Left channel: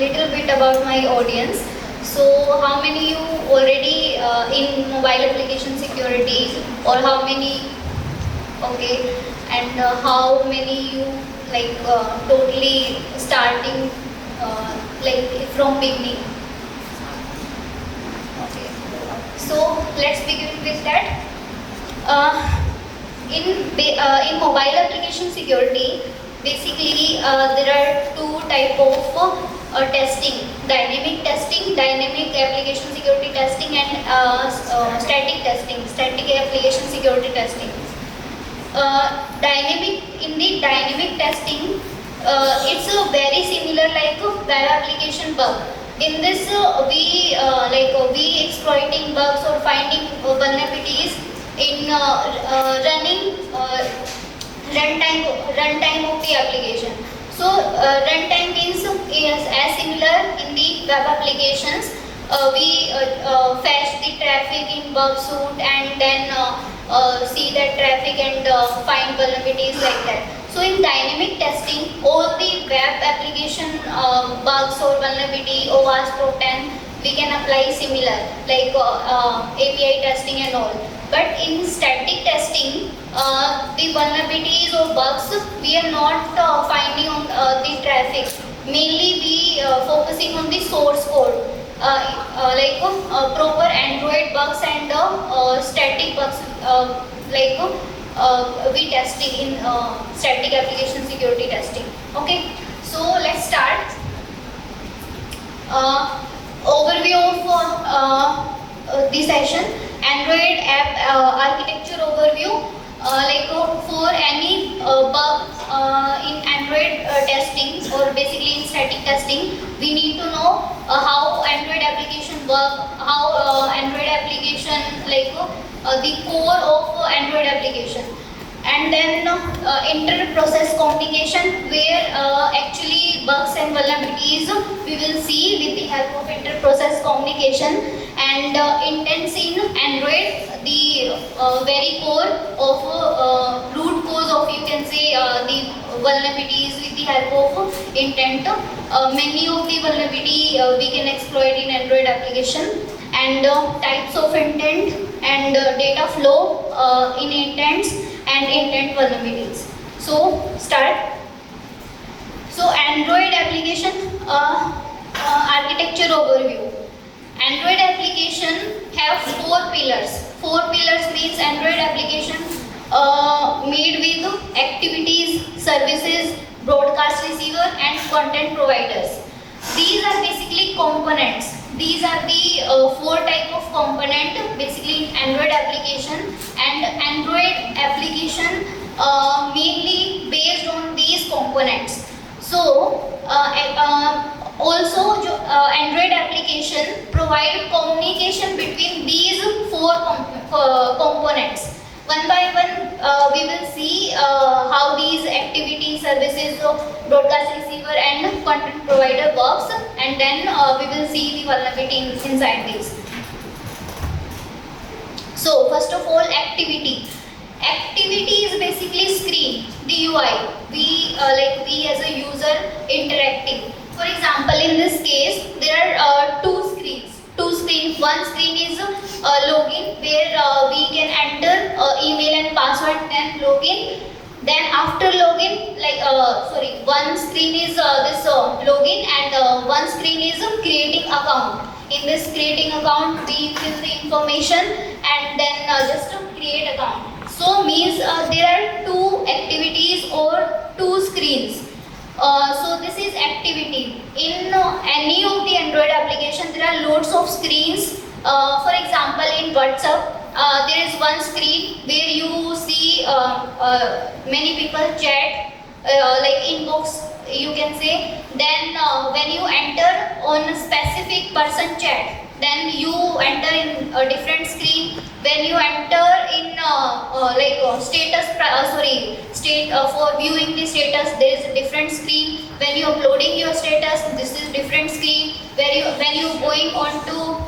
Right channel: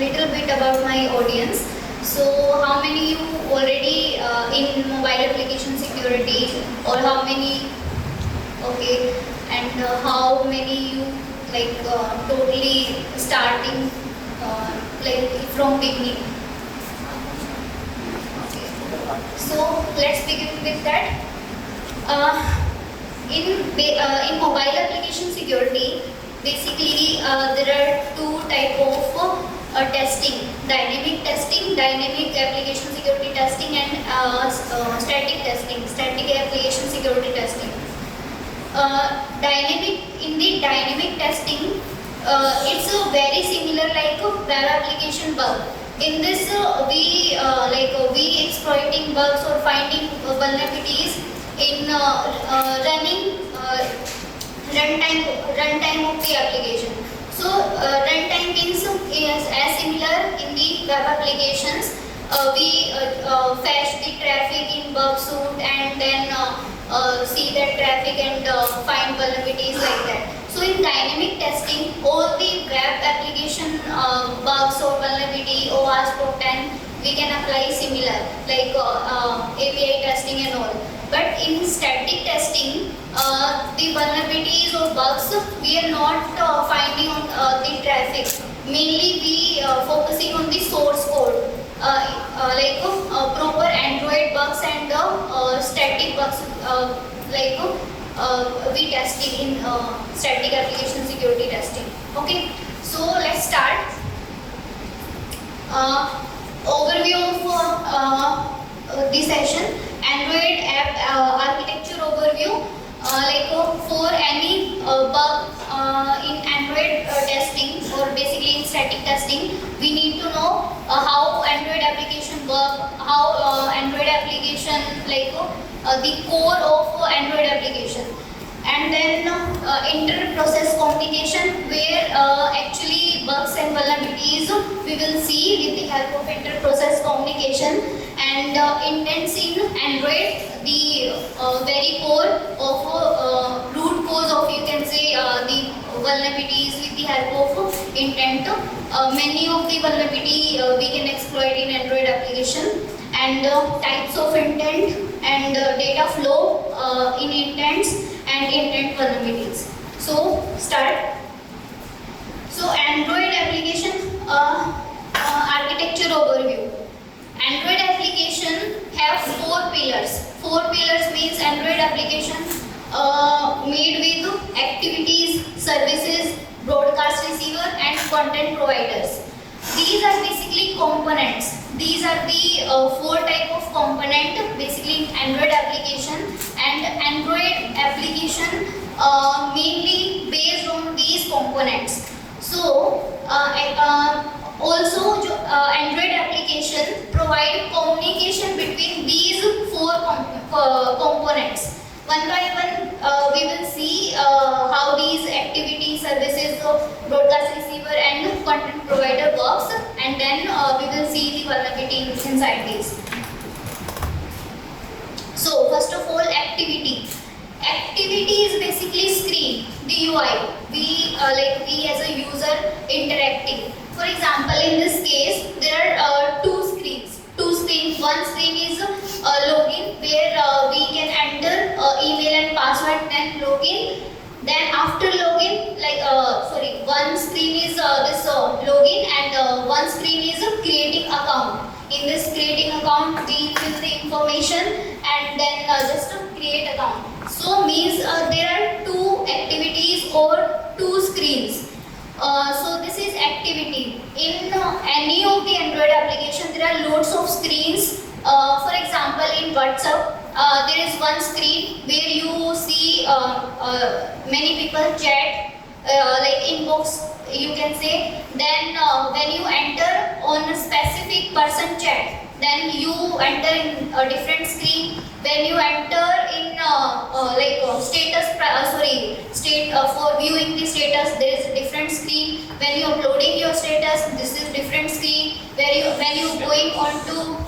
little bit about my audience. So how many you already in mobile application security, or how many? Okay, and how many you like totally starting like from beginning? Okay, so let's begin with that. In mobile application security, basically there are two type of testing: dynamic testing, dynamic application security testing, and static testing, static application security testing. In the dynamic testing, it's very similar like a web application bug. In this, we exploiting bugs or finding vulnerabilities in running runtime of the application. So runtime means is as similar in the web applications. We fetch the traffic in bug suite and then see that traffic and find vulnerabilities like that. So in dynamic testing, all the web application bugs or vulnerability, OWASP or 10, we can apply similar like API testing and all. But in static testing, the vulnerabilities or bugs we are not finding on the traffic. Mainly we focusing on the source code, proper Android bugs and static bugs, we testing in static application security testing. Okay, so let's start. Overview of the session. Android app architecture overview. For any bug in Android testing or basically in static testing, we need to know how Android application work, how Android application the core of Android application, and then inter-process communication, where actually bugs and vulnerabilities we will see with the help of inter-process communication, and intents in Android, the very core of root cause of, you can say, the vulnerabilities with the help of intent. Many of the vulnerability we can exploit in Android application, and types of intent and data flow in intents and intent vulnerabilities. So start. So Android application architecture overview. Android application have four pillars. Four pillars means Android application made with activities, services, broadcast receiver, and content providers. These are basically components. These are the four type of component basically in Android application, and Android application mainly based on these components. So also Android application provide communication between these four components. One by one we will see how these activity, services, broadcast receiver and content provider works, and then we will see the vulnerability inside these. So first of all, activity. Activity is basically screen, the UI. We as a user interacting. For example, in this case, there are two screens. One screen is login, where we can enter email and password, then login. Then after login, one screen is this login, and one screen is creating account. In this creating account, we fill the information and then just create account. So means there are two activities or two screens. So this is activity. In any of the Android application, there are loads of screens. For example, in WhatsApp, there is one screen where you see many people chat, like inbox, you can say. Then when you enter on a specific person chat, then you enter in a different screen. When you enter in for viewing the status, there is a different screen. When you uploading your status, this is different screen. When you going on to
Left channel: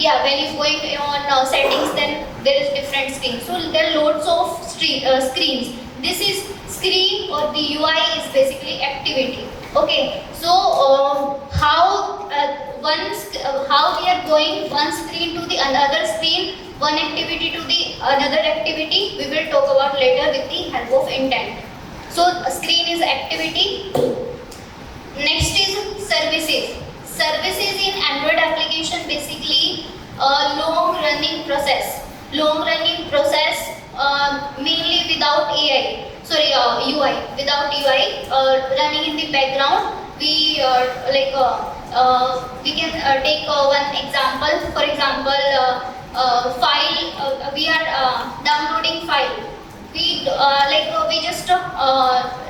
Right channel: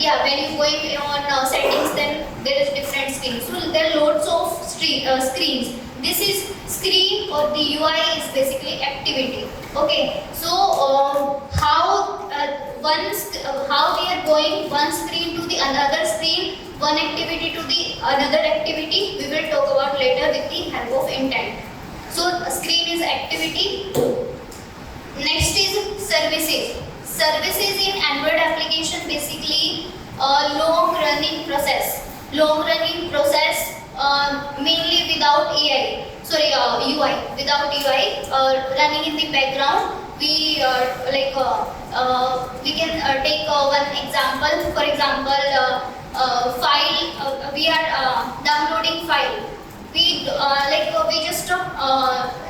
when you going on settings, then there is different screen. So there are loads of screens. This is screen, or the UI is basically activity. Okay, so how we are going one screen to the another screen, one activity to the another activity, we will talk about later with the help of intent. So screen is activity. Next is services. Services in Android application basically a long running process. Long running process mainly without AI. Sorry, UI. Without UI running in the background. We can take one example. For example, file. We are downloading file. We just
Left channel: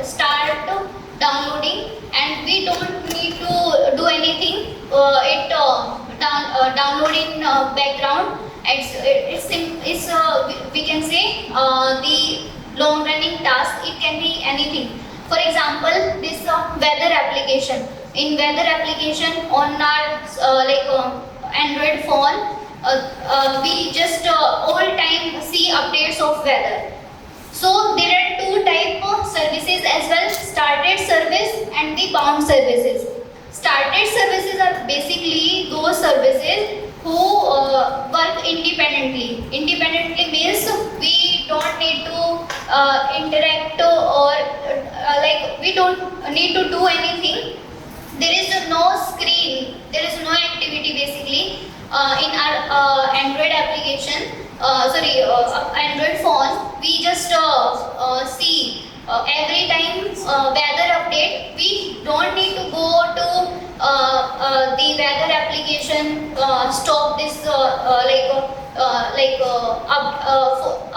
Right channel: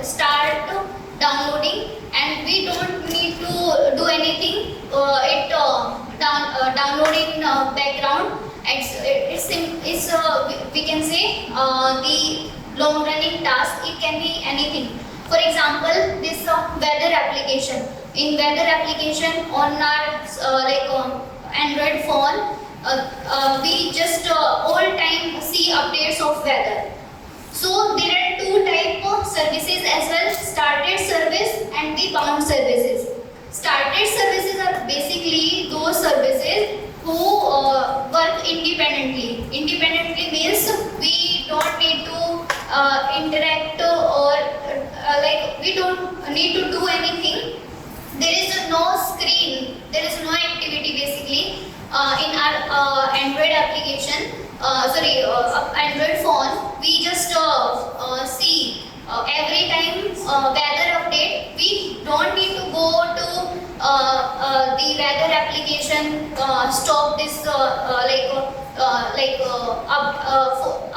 start downloading and we don't need to do anything. Download in background. We can say the long running task. It can be anything. For example, this weather application. In weather application on our Android phone, we just all time see updates of weather. So there are two type of services as well: started service and the bound services. Started services are basically those services who work independently. Independently means we don't need to interact or we don't need to do anything. There is no screen, there is no activity basically in our Android application. Android phone. We just see every time weather update. We don't need to go to the weather application. Stop this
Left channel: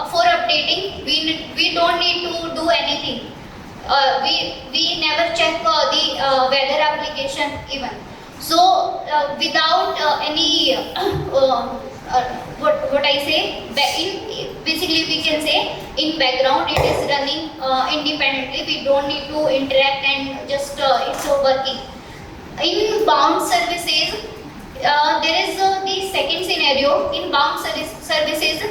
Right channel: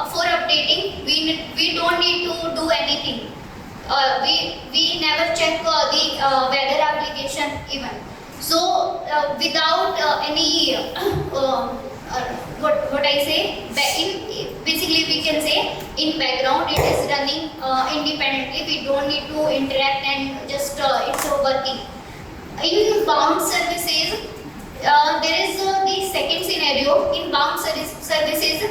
for updating. We don't need to do anything. We never check the weather application even. So without any what I say, basically we can say in background it is running independently. We don't need to interact and just it's working. In bound services, there is the second scenario. In bound services,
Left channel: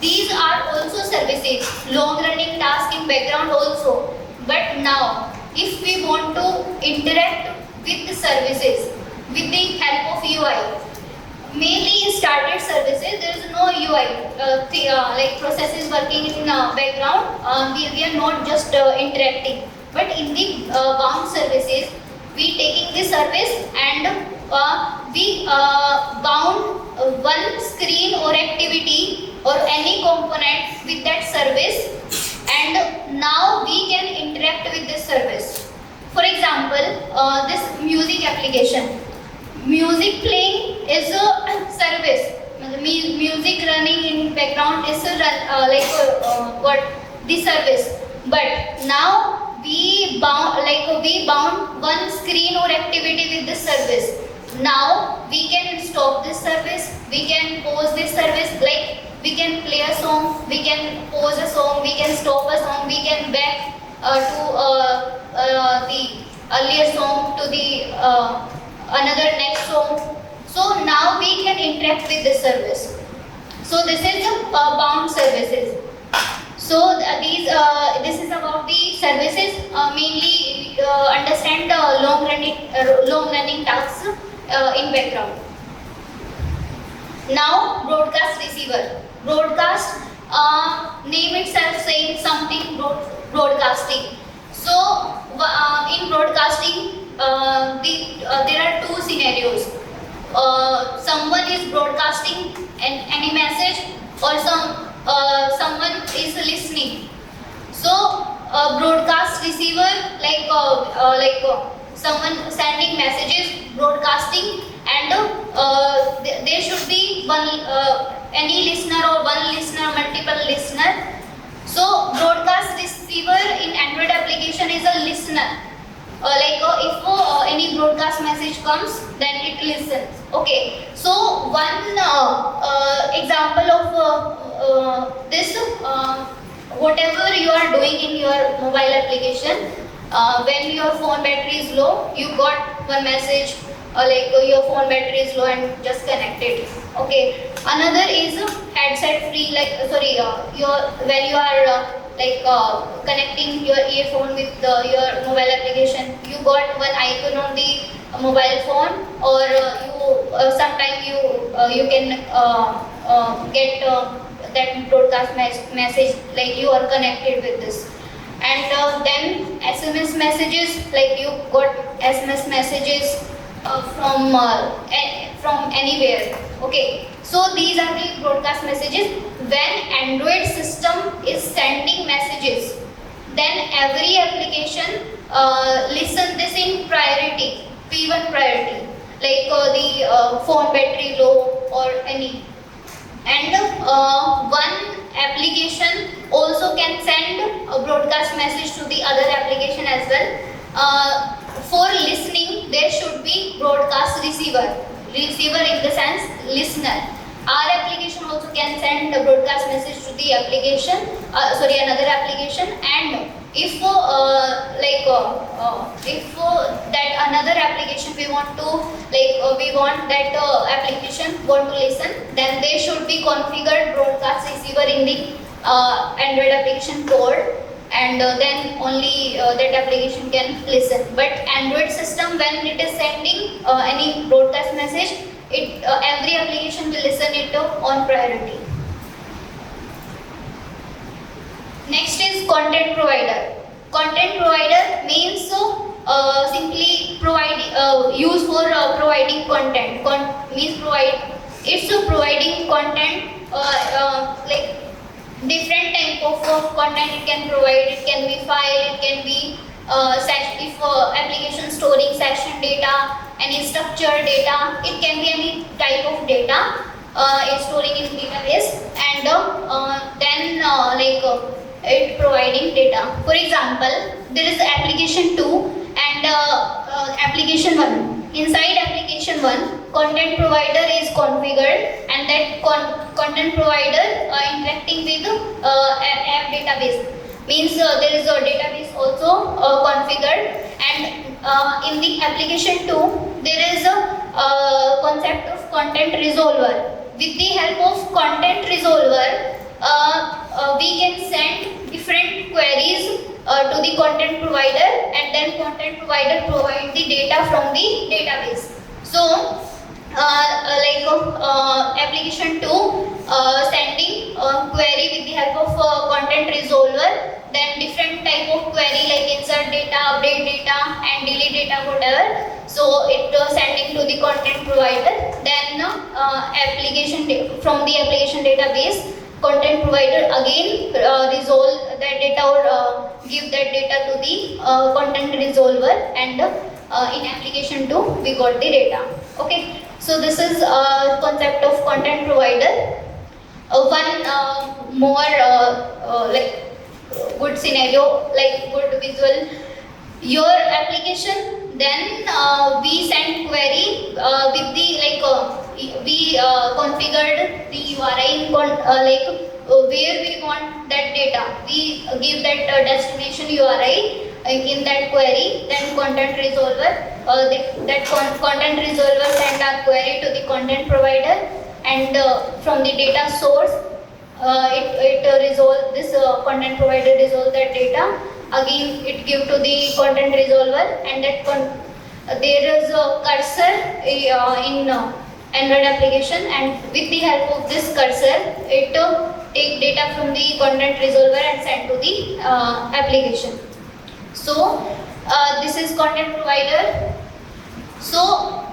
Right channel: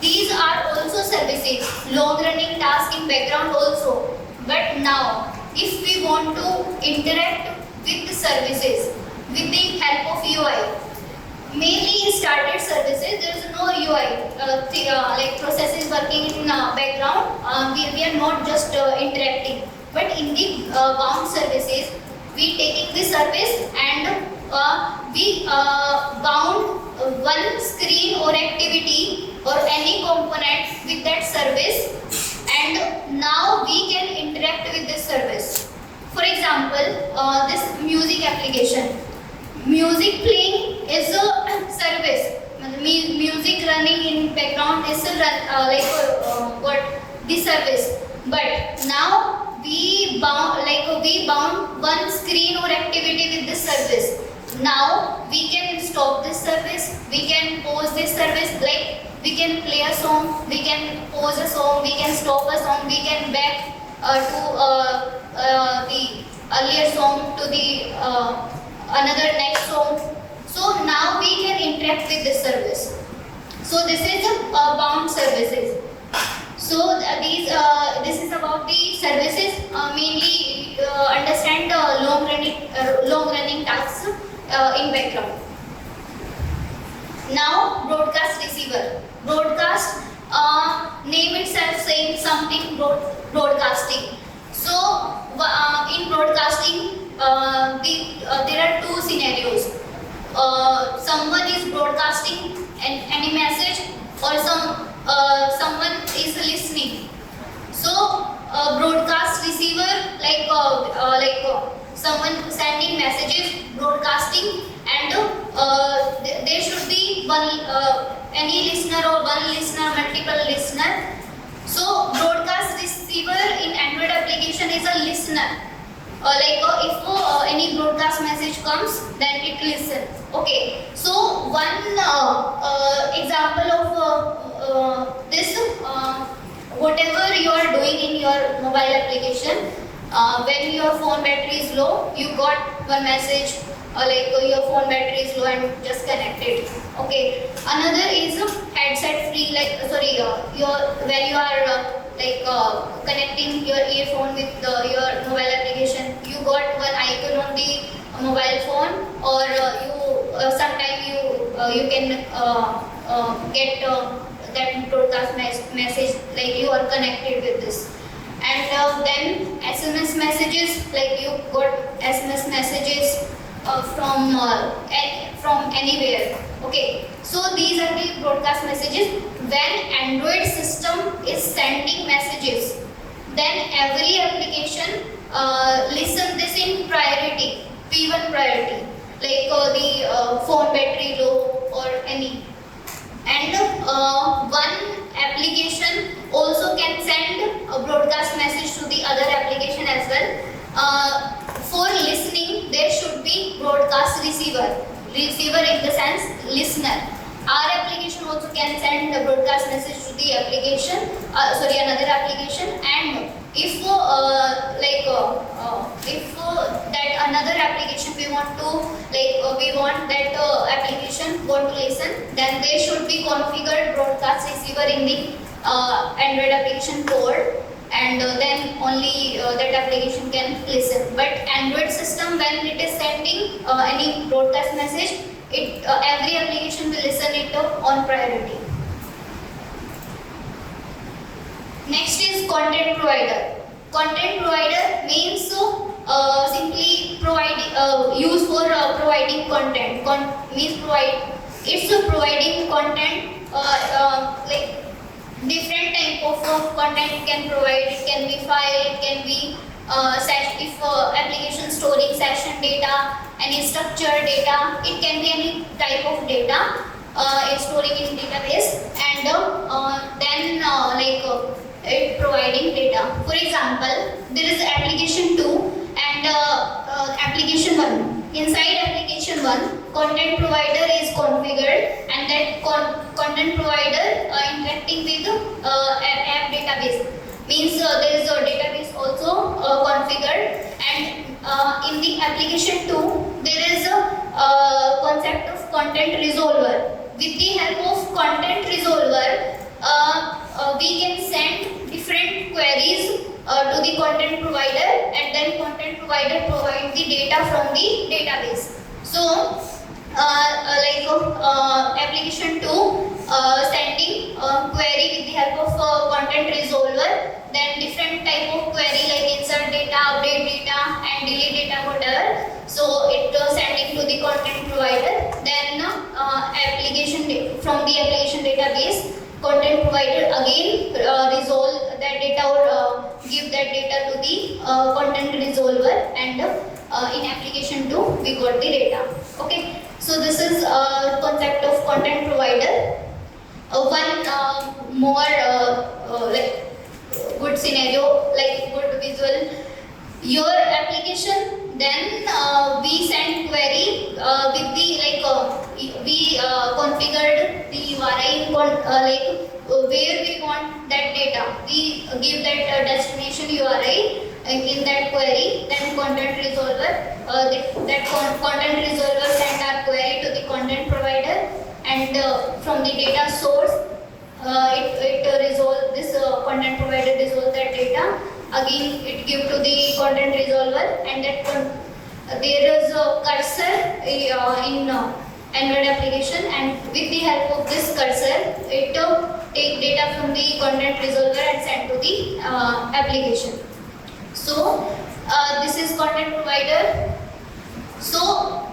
these are also services, long running tasks in background also. But now, if we want to interact with the services with the help of UI, mainly in started services, there is no UI. Process is working in background. We are not just interacting. But in the bound services, we taking the service and we bound one screen or activity or any component with that service, and now we can interact with this service. For example, this music application. Music playing is a service. Music running in background is the service. But now we bound one screen or activity with this service. Now we can stop this service. We can pause this service. Like we can play a song. We can pause a song. We can stop a song. We can back to the earlier song to the another next song. So now we can interact with this service. So this is the bound services. So this is about the services. Mainly understand long running tasks in background. Now broadcast receiver. Broadcast name itself saying something broadcasting. So in broadcasting, there are two scenarios. Someone is broadcasting any message, or someone is listening. So broadcast receiver, someone sending messages, broadcasting, and there should be one any listener or one listener, multiple listener. So broadcast receiver in Android application is a listener. If any broadcast message comes, then it listens. Okay. So one example of this, whatever you are doing in your mobile application, when your phone battery is low, you got one message, your phone battery is low and just connected. Okay. Another is headset free, when you are like connecting your earphone with your mobile application. You got one icon on the mobile phone, or you sometime you can get that broadcast message, like you are connected with this. And then SMS messages, like you got SMS messages from anywhere. Okay, so these are the broadcast messages. When Android system is sending messages, then every application listen this in priority, P1 priority, like the phone battery low or any. And one application also can send a broadcast message to the other application as well. For listening, there should be broadcast receiver. Receiver in the sense listener. Our application also can send a broadcast message to the application, another application. And if that another application we want that application want to listen, then they should be configured broadcast receiver in the Android application code, and then only that application can listen. But Android system, when it is sending any broadcast message, every application will listen it on priority. Next is content provider. Content provider means simply use for providing content. It's providing content, like different type of content it can provide. It can be file, it can be application storing session data, any structured data. It can be any type of data storing in database, and then it providing data. For example, there is application 2 and application 1. Inside application 1, content provider is configured, and that content provider interacting with app database. Means there is a database also configured, and in the application 2 there is a concept of content resolver. With the help of content resolver, we can send different queries to the content provider, and then content provider provide the data from the database. So application 2 sending query with the help of content resolver, then different type of query like insert data, update data, and delete data, whatever. So it sending to the content provider, then from the application database, content provider again resolve that data or give that data to the content resolver, and in application 2 we got the data. Okay, so this is concept of content provider. One more good scenario, like good visual. Your application, then we send query with the we configured the URI where we want that data. We give that destination URI in that query. Then content resolver, content resolver send our query to the content provider, and from the data source, it resolve this content provider resolve that data. Again, it give to the content resolver, and that there is a cursor in Android application, and with the help of this cursor, it take data from the content resolver and send to the application. So this is content provider. So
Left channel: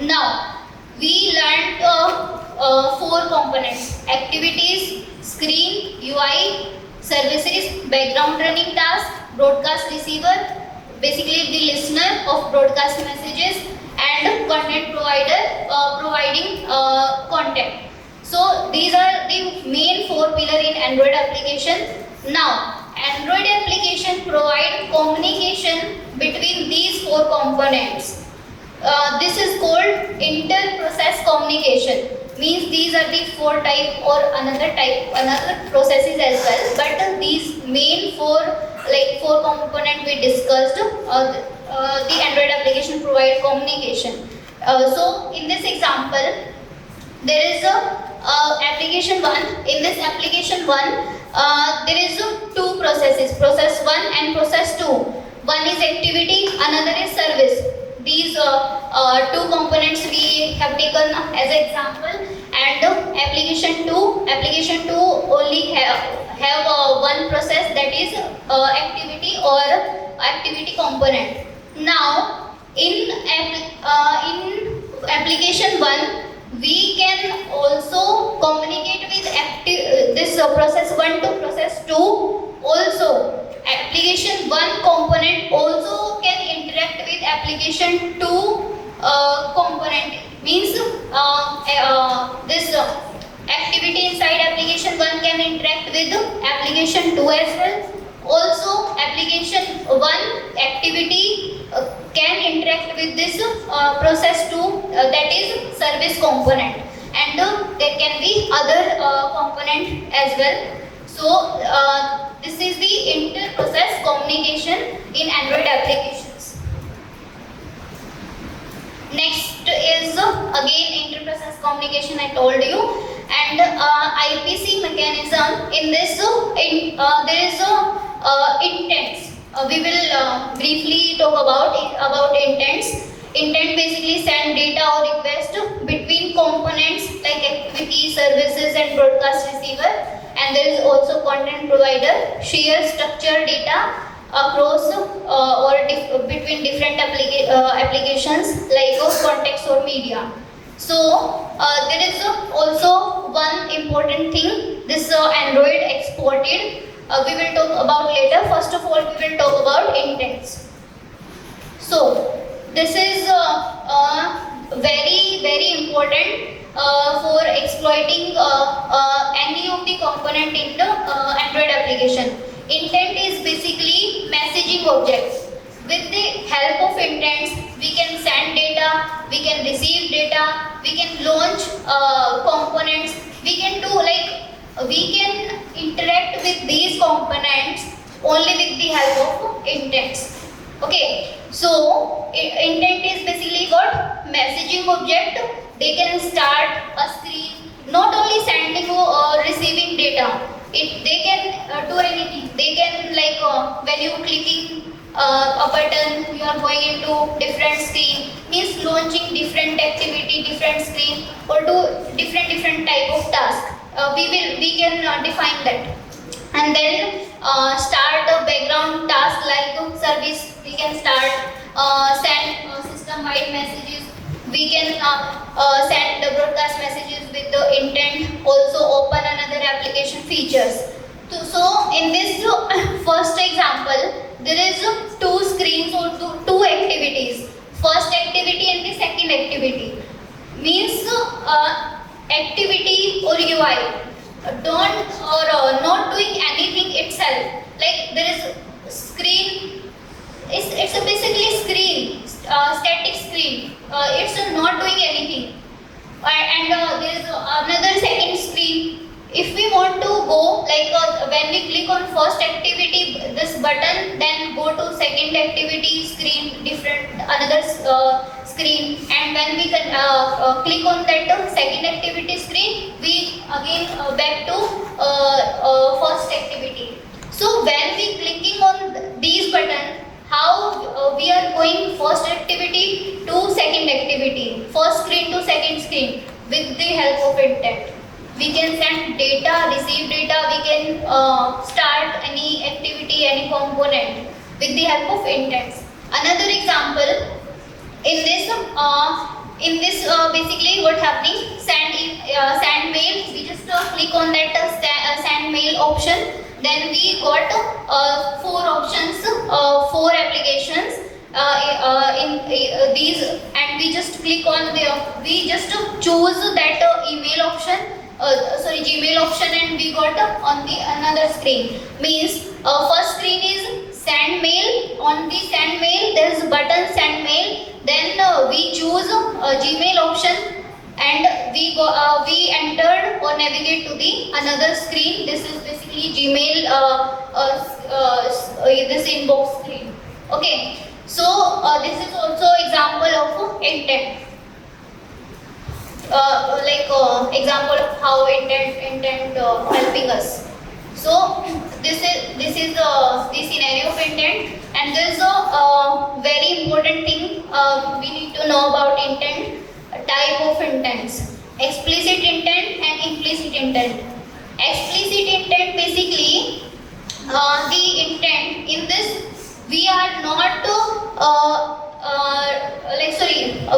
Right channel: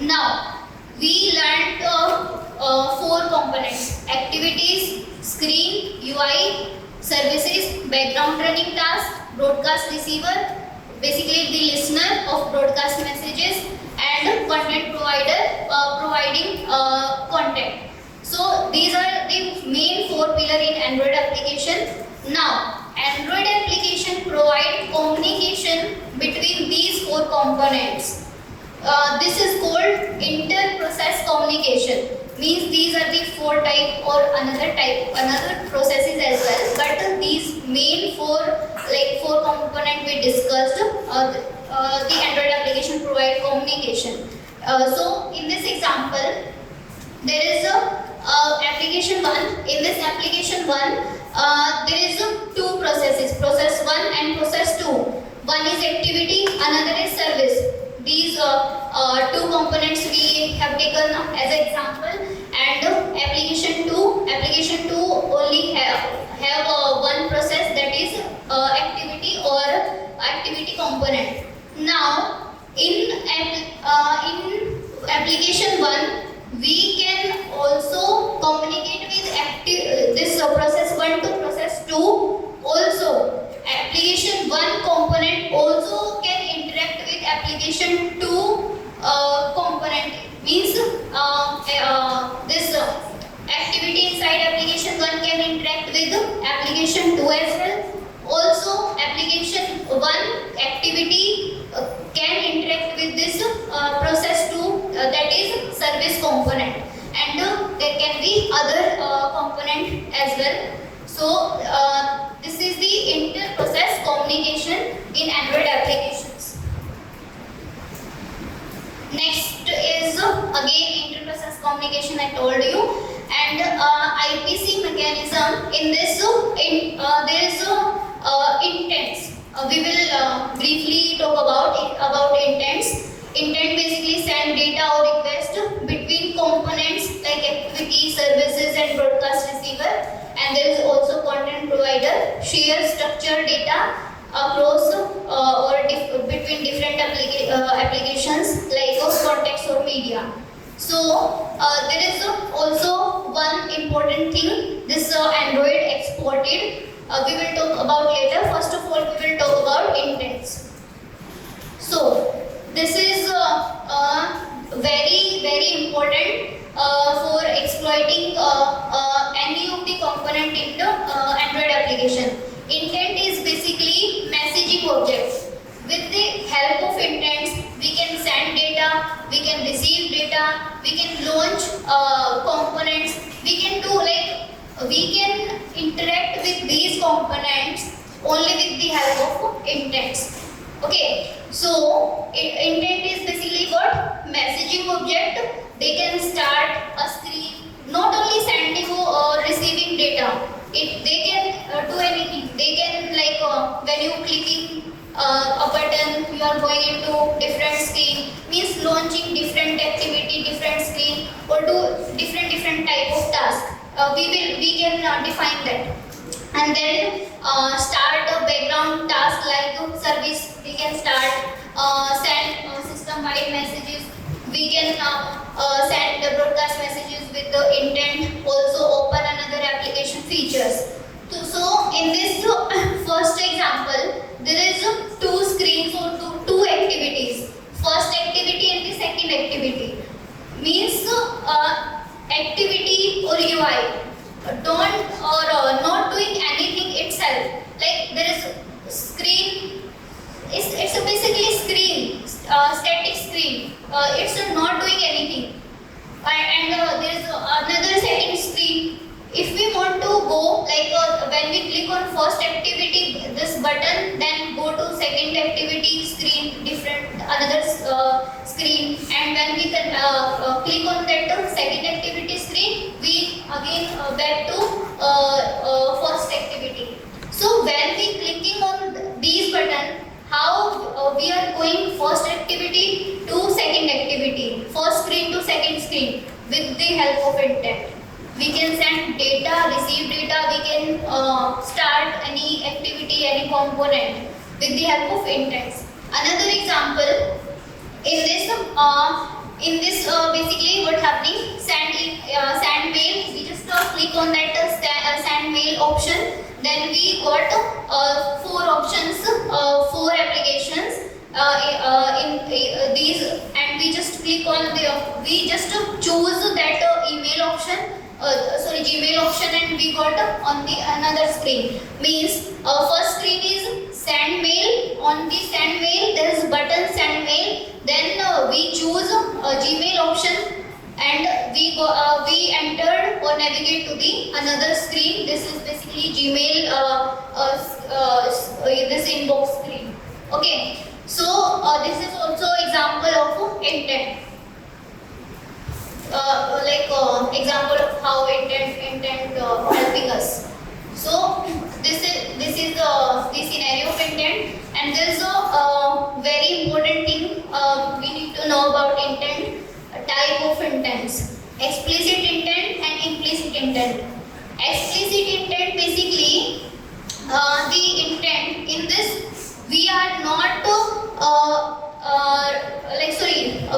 now we learned 4 components: activities, screen, UI, services, background running task, broadcast receiver, basically the listener of broadcast messages, and content provider providing content. So these are the main 4 pillars in Android application. Now Android application provide communication between these 4 components. This is called inter-process communication. Means these are the 4 type or another processes as well. But these main 4 component we discussed, the Android application provide communication. So in this example, there is a application 1. In this application 1, there is two processes, process 1 and process 2. One is activity, another is service. These two components we have taken as an example, and application 2 only have one process, that is activity or activity component. Now in application 1 we can also communicate with this process 1 to process 2 also. Application 1 component also can interact with application 2 component. Means this activity inside application 1 can interact with application 2 as well. Also application 1 activity can interact with this process 2, that is service component, and there can be other component as well. So this is the inter-process communication in Android applications. Next is again inter-process communication, I told you, and IPC mechanism. In this there is intents. We will briefly talk about intents. Intent basically send data or request between components like activity, services, and broadcast receiver. And there is also content provider share structured data across between different applications like context or media. So there is also one important thing, this Android exported. We will talk about later. First of all, we will talk about intents. So this is very important for exploiting any of the component in the Android application. Intent is basically messaging objects. With the help of intents, we can send data, we can receive data, we can launch components, we can do we can interact with these components only with the help of intents. Okay, so intent is basically what? Messaging object. They can start a screen, not only sending or receiving data. They can do anything. They can when you clicking a button, you are going into different screen, means launching different activity, different screen, or do different type of task. We can define that, and then start a background task like service. We can start send system-wide messages. We can send the broadcast messages with the intent. Also open another application features. So in this first example, there is two screens or two activities. First activity and the second activity. Means activity or UI not doing anything itself. Like there is screen. It's basically screen, static screen. It's not doing anything. And there is another second screen. If we want to go when we click on first activity, this button, then go to second activity screen, different another screen, and when we can click on that second activity screen, we again back to first activity. So when we clicking on these buttons, how we are going first activity to second activity, first screen to second screen with the help of intent. We can send data, receive data, we can start any activity, any component with the help of intents. Another example, in this basically what happening, send mail, we just click on that send mail option, then we got four options, four applications in these, and we just click on we just choose that email option, Gmail option, and we got on the another screen. Means first screen is send mail. On the send mail there is button send mail, then we choose Gmail option, and we entered or navigate to the another screen. This is basically Gmail this inbox screen. Okay, so this is also example of intent. Example of how intent helping us. So this is the scenario of intent, and there is a very important thing we need to know about intent. Type of intents: explicit intent and implicit intent. Explicit intent basically the intent in this we are not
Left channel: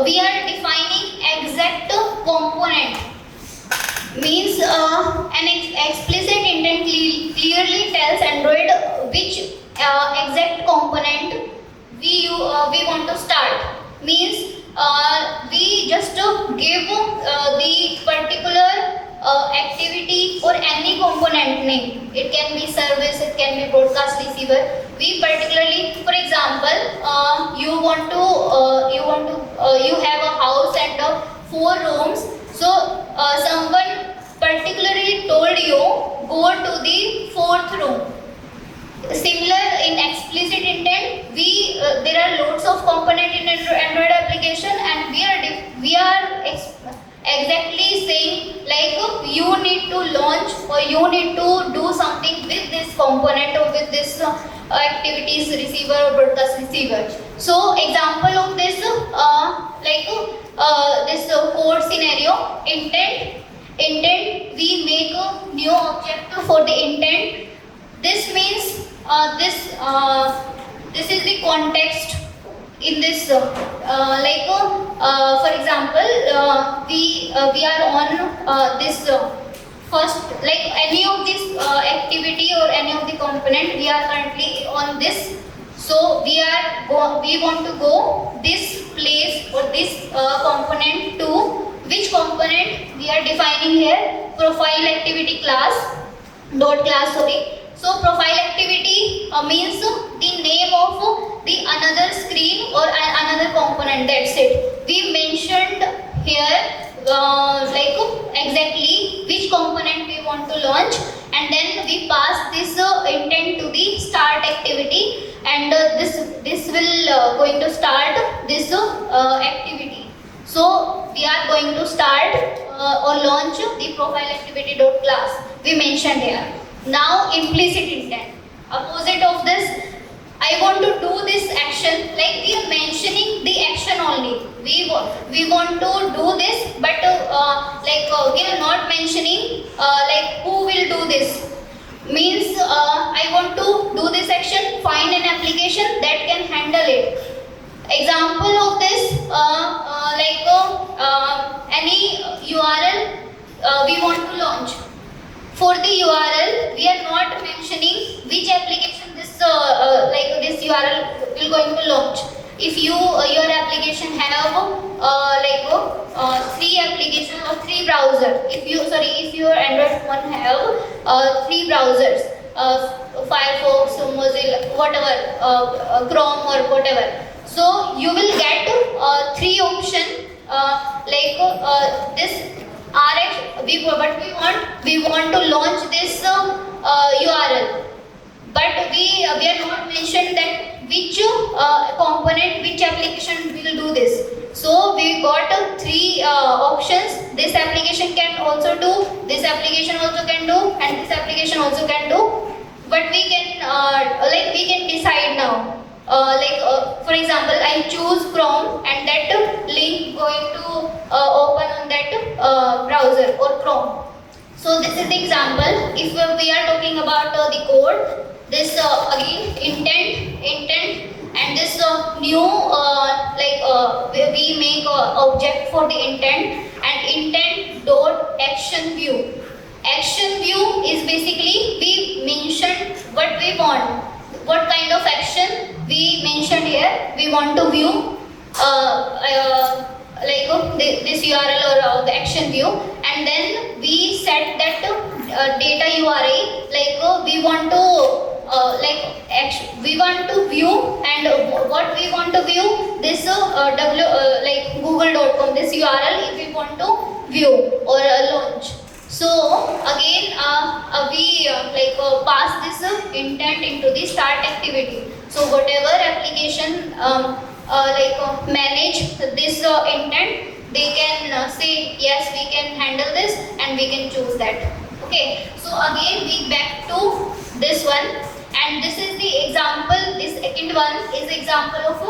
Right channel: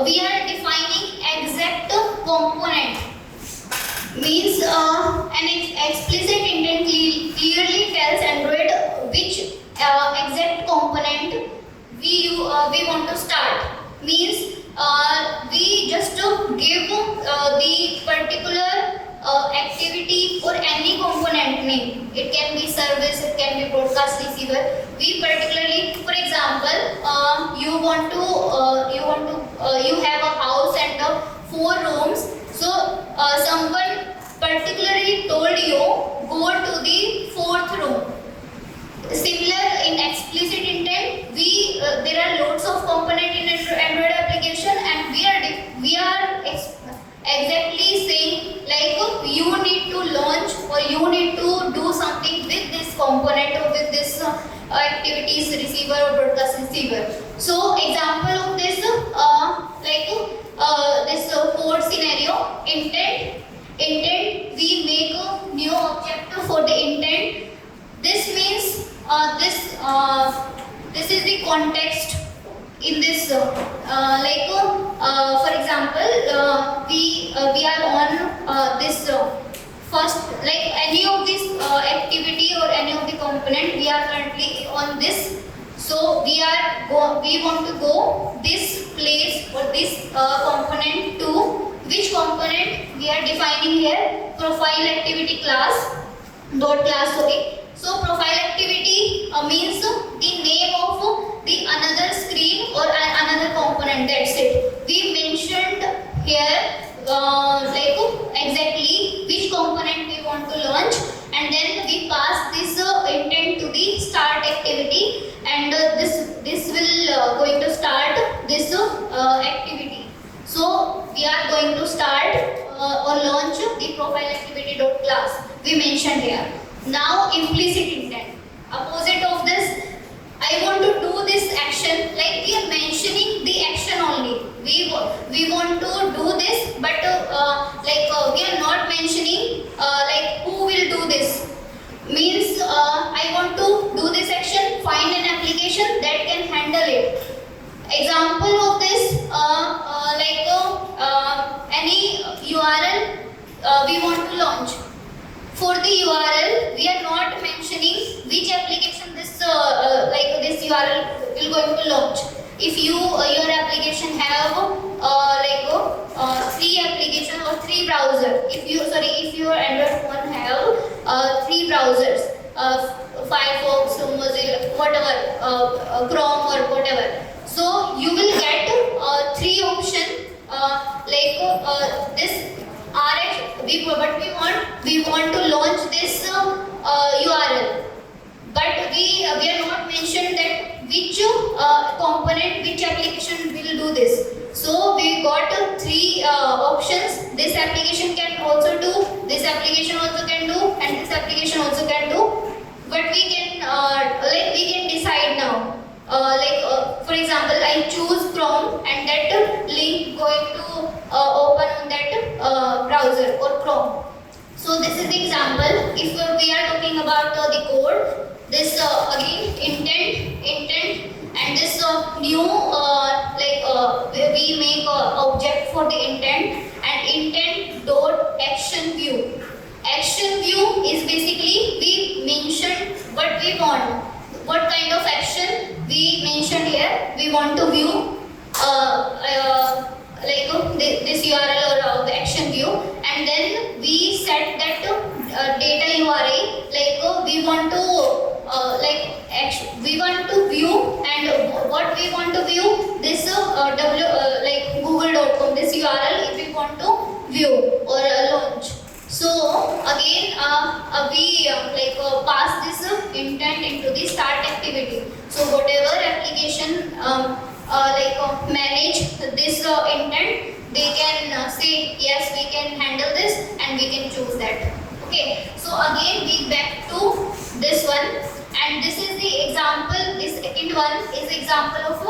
we are defining exact component. Means an explicit intent clearly tells Android which exact component we want to start. Means we just give the particular activity or any component name. It can be service, it can be broadcast receiver. We particularly, for example, you have a house and 4 rooms. So someone particularly told you go to the 4th room. Similar in explicit intent, there are lots of components in Android application, and we are exactly saying like you need to launch or you need to do something with this component or with this activities receiver or broadcast receiver. So example of this this code scenario: intent we make a new object for the intent. This means this is the context in this for example we are on this first, like any of this activity or any of the component, we are currently on this. So we want to go this place or this component to which component we are defining here: profile activity class dot class, sorry. So profile activity means the name of the another screen or another component. That's it. We mentioned here exactly which component we want to launch, and then we pass this intent to the start activity, and this will going to start this activity. So we are going to start or launch the profile activity dot class we mentioned here. Now implicit intent, opposite of this. I want to do this action, like we are mentioning the action only. We want to do this, but we are not mentioning who will do this. Means I want to do this action, find an application that can handle it. Example of this any URL we want to launch. For the URL, we are not mentioning which application this this URL will going to launch. If your application have 3 applications or 3 browsers, if your Android phone have 3 browsers, Firefox, Mozilla, whatever, Chrome or whatever, so you will get 3 options this RX. We want to launch this URL, but we are not mentioned that which component, which application will do this. So we got 3 options. This application can also do, this application also can do, and this application also can do. But we can decide now. For example, I choose Chrome, and that link going to open on that browser or Chrome. So this is the example. If we are talking about the code, this again intent, and this new we make object for the intent, and intent dot action view. Action view is basically we mention what we want. What kind of action we mentioned here? We want to view this URL or the action view, and then we set that data URI. We want to view, and what we want to view, this google.com, this URL if we want to view or launch. So again we pass this intent into the start activity. So whatever application manage this intent, they can say yes, we can handle this, and we can choose that. Okay, so again we back to this one, and this is the example. This second one is example of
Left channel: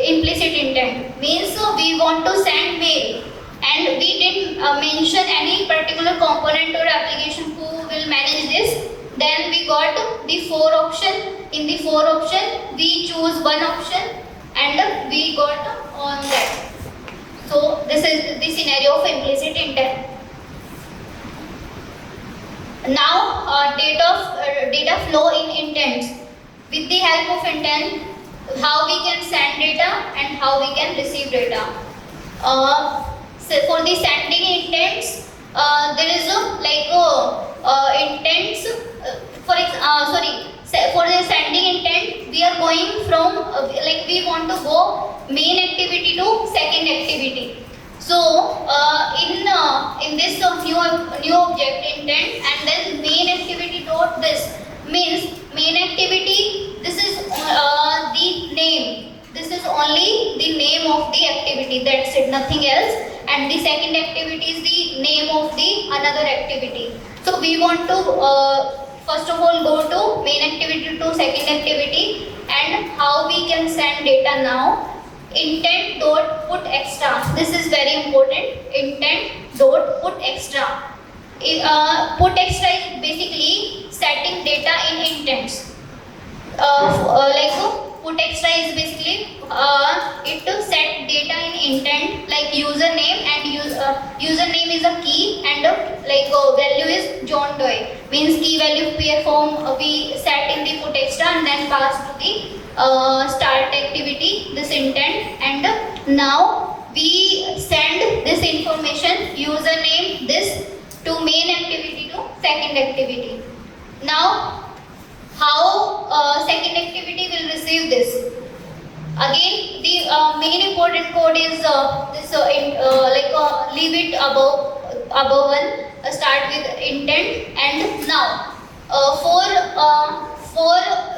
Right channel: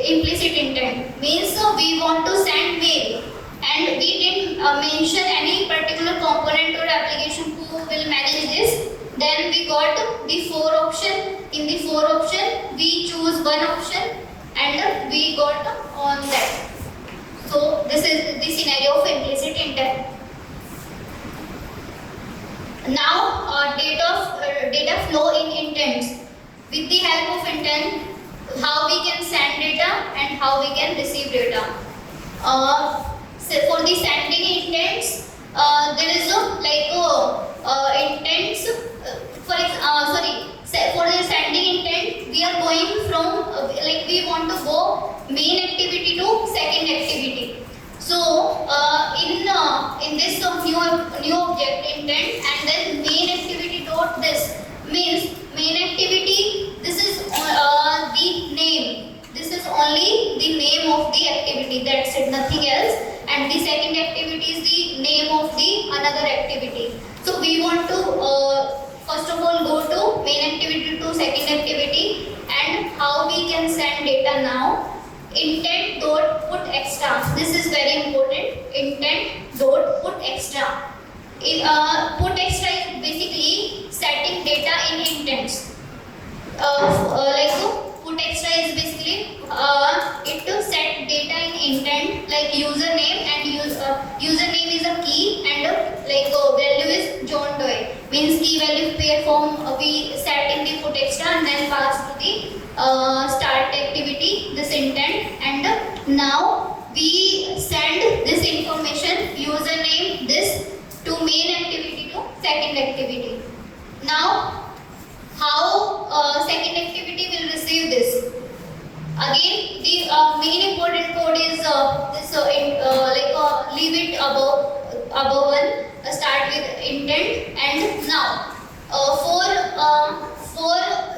implicit intent. Means we want to send mail, and we didn't mention any particular component or application who will manage this. Then we got the four option. In the four option, we choose one option, and we got on that. So this is the scenario of implicit intent. Now, data flow in intents. With the help of intent, how we can send data and how we can receive data. So for the sending intents, there is intents. For the sending intent, we are going from we want to go main activity to second activity. So in this new object intent, and then main activity dot this means main activity. This is the name. This is only the name of the activity. That's it, nothing else. And the second activity is the name of the another activity. So we want to first of all go to main activity to second activity, and how we can send data now. Intent dot put extra. This is very important. Intent dot put extra. Put extra is basically setting data in intents. Put extra is basically it to set data in intent, like username, and username is a key, and value is John Doe. Means key value pair form we set in the put extra and then pass to the start activity this intent, and now we send this information username this to main activity to second activity. Now how second activity will receive this? Again, the main important code is leave it above one. Start with intent, and now for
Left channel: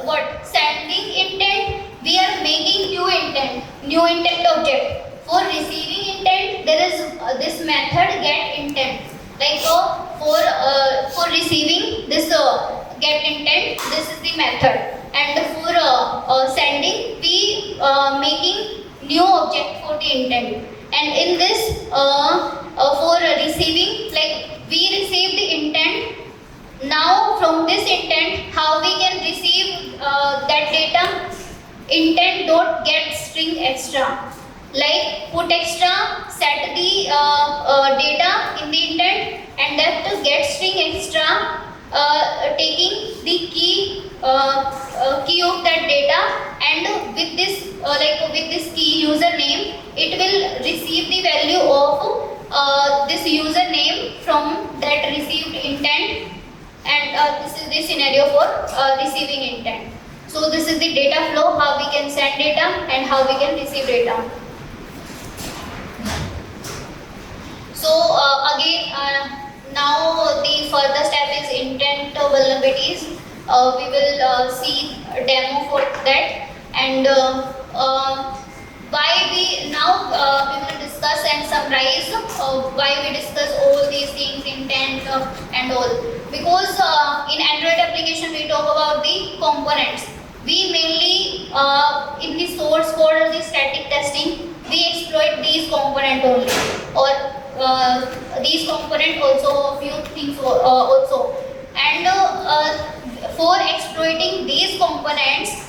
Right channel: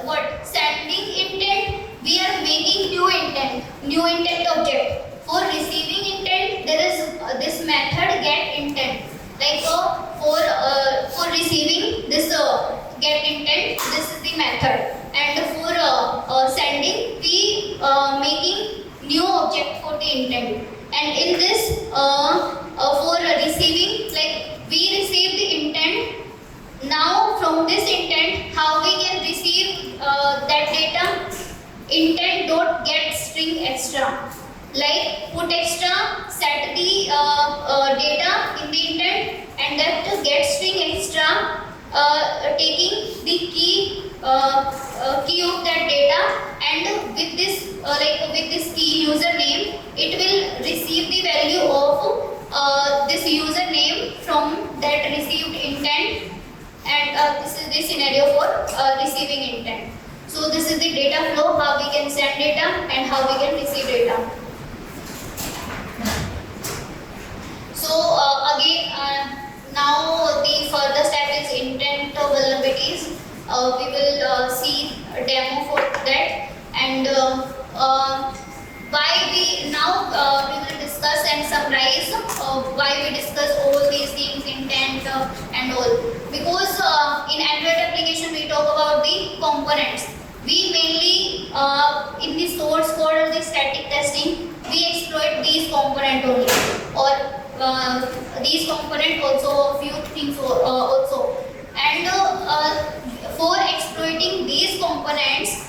what sending intent, we are making new intent object. For receiving intent, there is this method get intent. For receiving this get intent, this is the method, and for sending, we making new object for the intent. And in this for receiving, we receive the intent. Now from this intent, how we can receive that data? Intent dot get string extra. Like put extra, set the data in the intent, and that to get string extra, taking the key of that data, and with this key username, it will receive the value of this username from that received intent, and this is the scenario for receiving intent. So this is the data flow, how we can send data and how we can receive data. So now the further step is intent vulnerabilities. We will see a demo for that, and why we will discuss and summarize why we discuss all these things, intent and all. Because in Android application we talk about the components. We mainly in the source code or the static testing, we exploit these components only, or these components also, few things also. And for exploiting these components,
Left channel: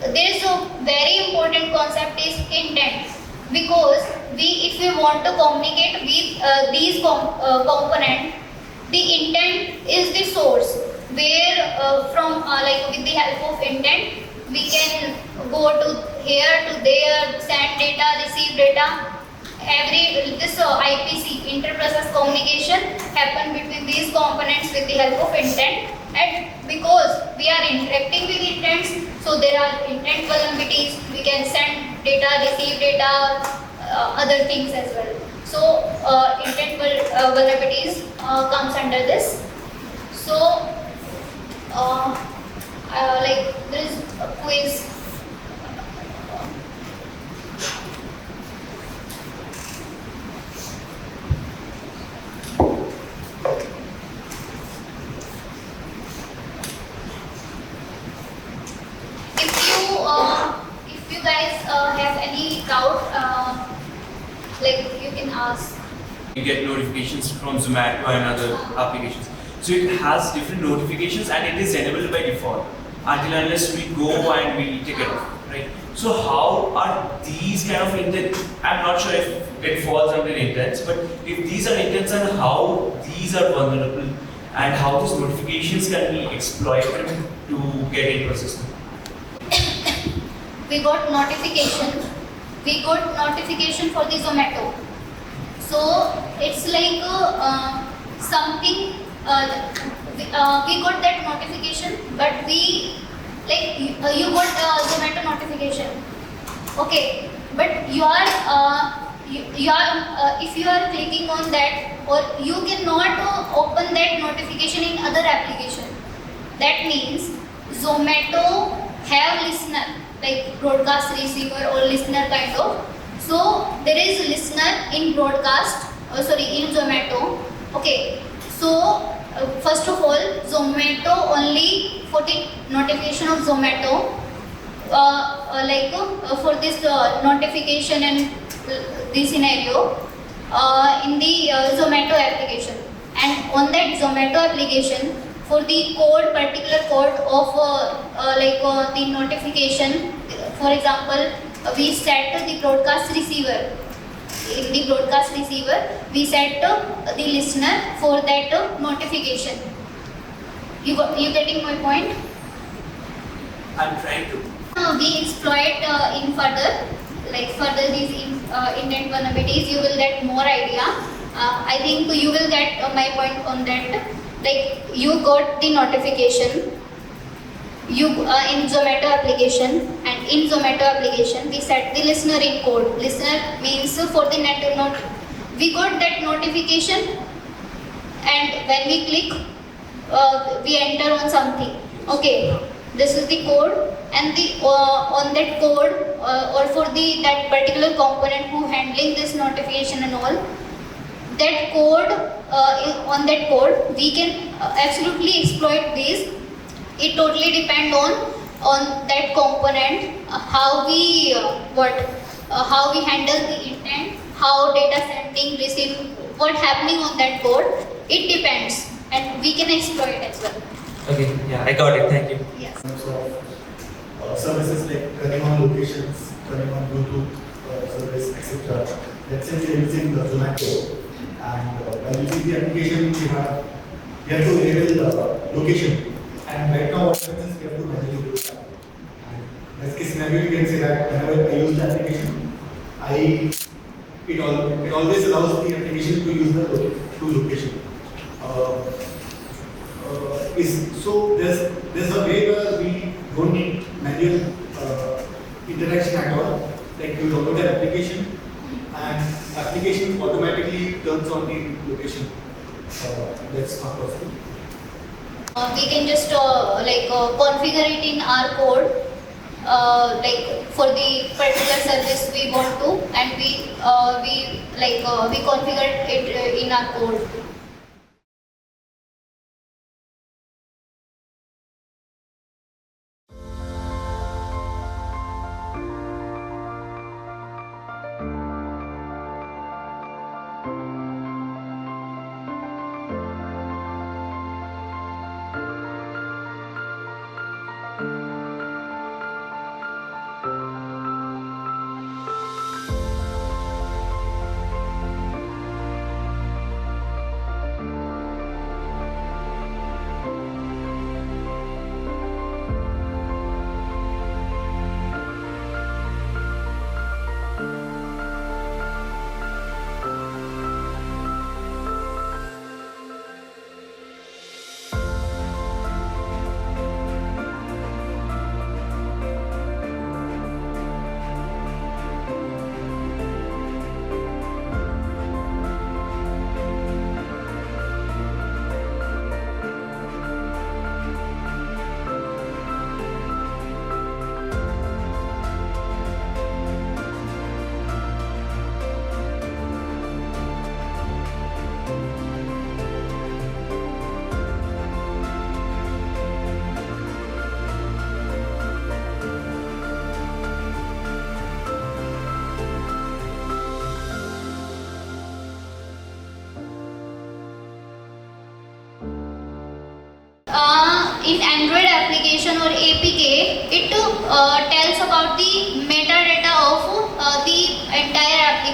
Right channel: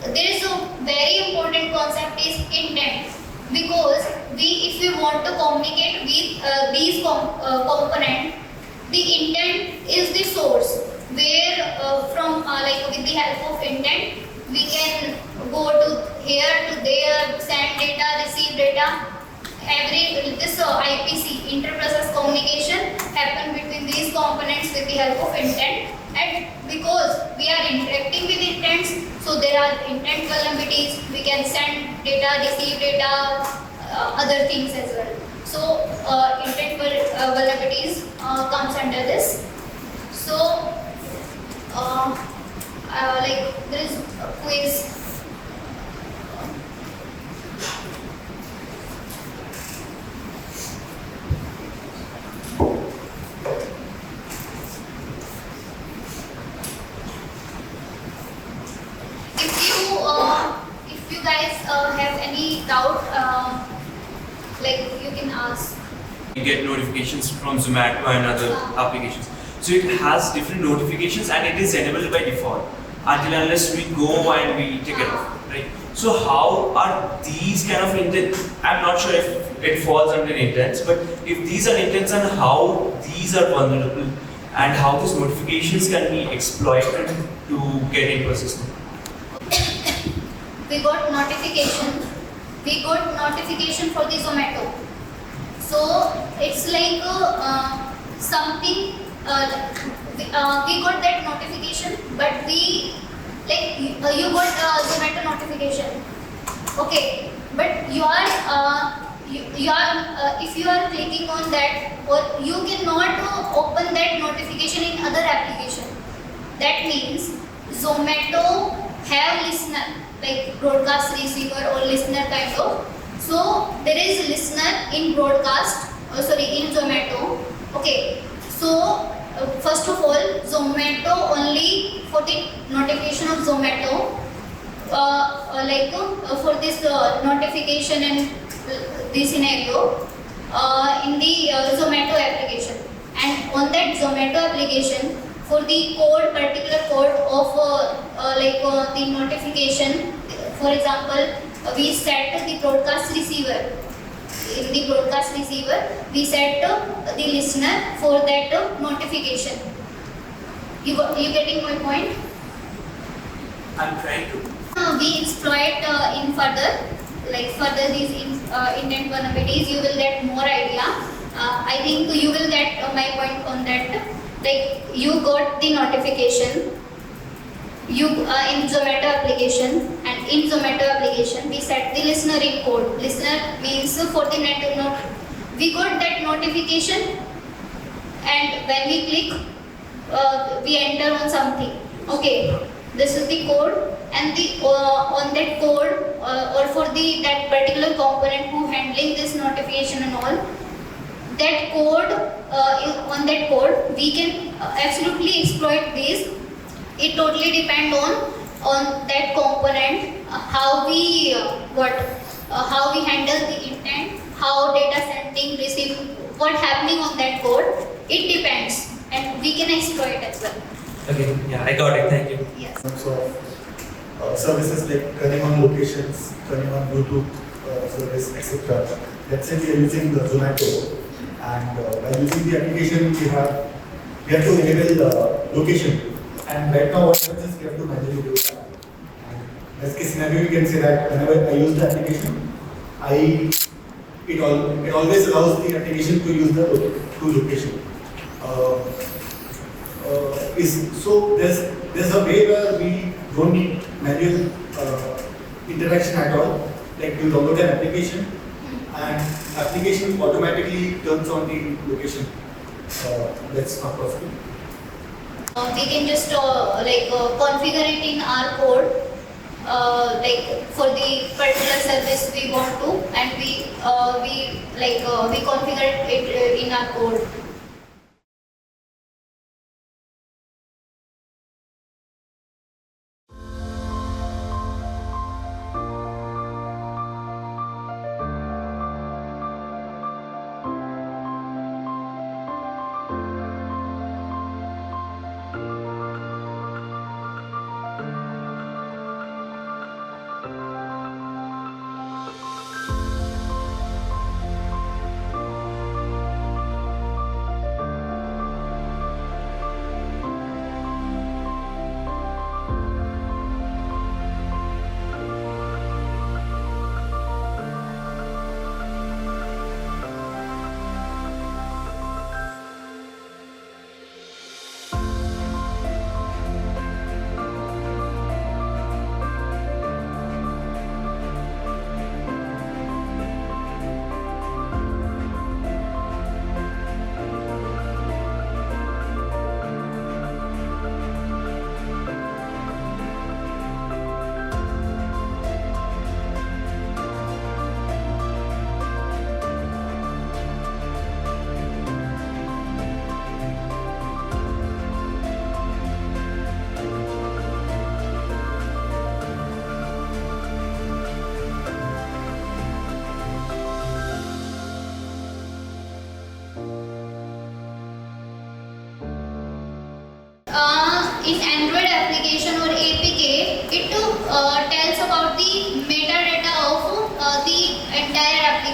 there is a very important concept is intent. Because if we want to communicate with these components, the intent is the source where from with the help of intent we can go to here to there, send data, receive data. This IPC, inter-process communication, happen between these components with the help of intent. And because we are interacting with intents, so there are intent vulnerabilities. We can send data, receive data, other things as well. So intent vulnerabilities comes under this. So there is a quiz. any doubt, like you can ask. You get notifications from Zomato and other applications. So it has different notifications and it is enabled by default until unless we go and we take it off, right? So how are these kind of intents? I'm not sure if it falls under intents, but if these are intents and how these are vulnerable and how these notifications can be exploited to get into a system. We got notification. We got notification for the Zomato. So it's like something. We got that notification, but we like you got Zomato notification. Okay, but you are if you are clicking on that, or you cannot open that notification in other application. That means Zomato have listener like broadcast receiver or listener kind of. So there is listener in broadcast, in Zomato. Okay, so first of all, Zomato only for the notification of Zomato, for this notification and this scenario in the Zomato application, and on that Zomato application for the code, particular code of the notification. For example, we set the broadcast receiver. In the broadcast receiver, we set the listener for that notification. You getting my point? I'm trying to. We exploit in further these intent vulnerabilities. You will get more idea. I think you will get my point on that. Like you got the notification. You in Zomato application, and in Zomato application we set the listener in code. Listener means for the net. We got that notification, and when we click, we enter on something. Okay, this is the code, and the on that code or for the that particular component who handling this notification and all, that code on that code we can absolutely exploit this. It totally depend on that component, how we how we handle the intent, how data sending, receive, what happening on that code. It depends, and we can exploit as well. Okay, yeah, I got it. Thank you. Yes. So, services like turning on locations, turning on Bluetooth service, etc. Let's say we are using the Zomato, and by using the application, we have to enable location. And right now, what happens is we have to manually do that. And in this case scenario, you can say that whenever I use the application, it always allows the application to use the location. So there's a way where we don't need manual interaction at all. Like you download an application, and application automatically turns on the location. That's not possible. We can just configure it in our code, for the particular service we want to, and we configure it in our code.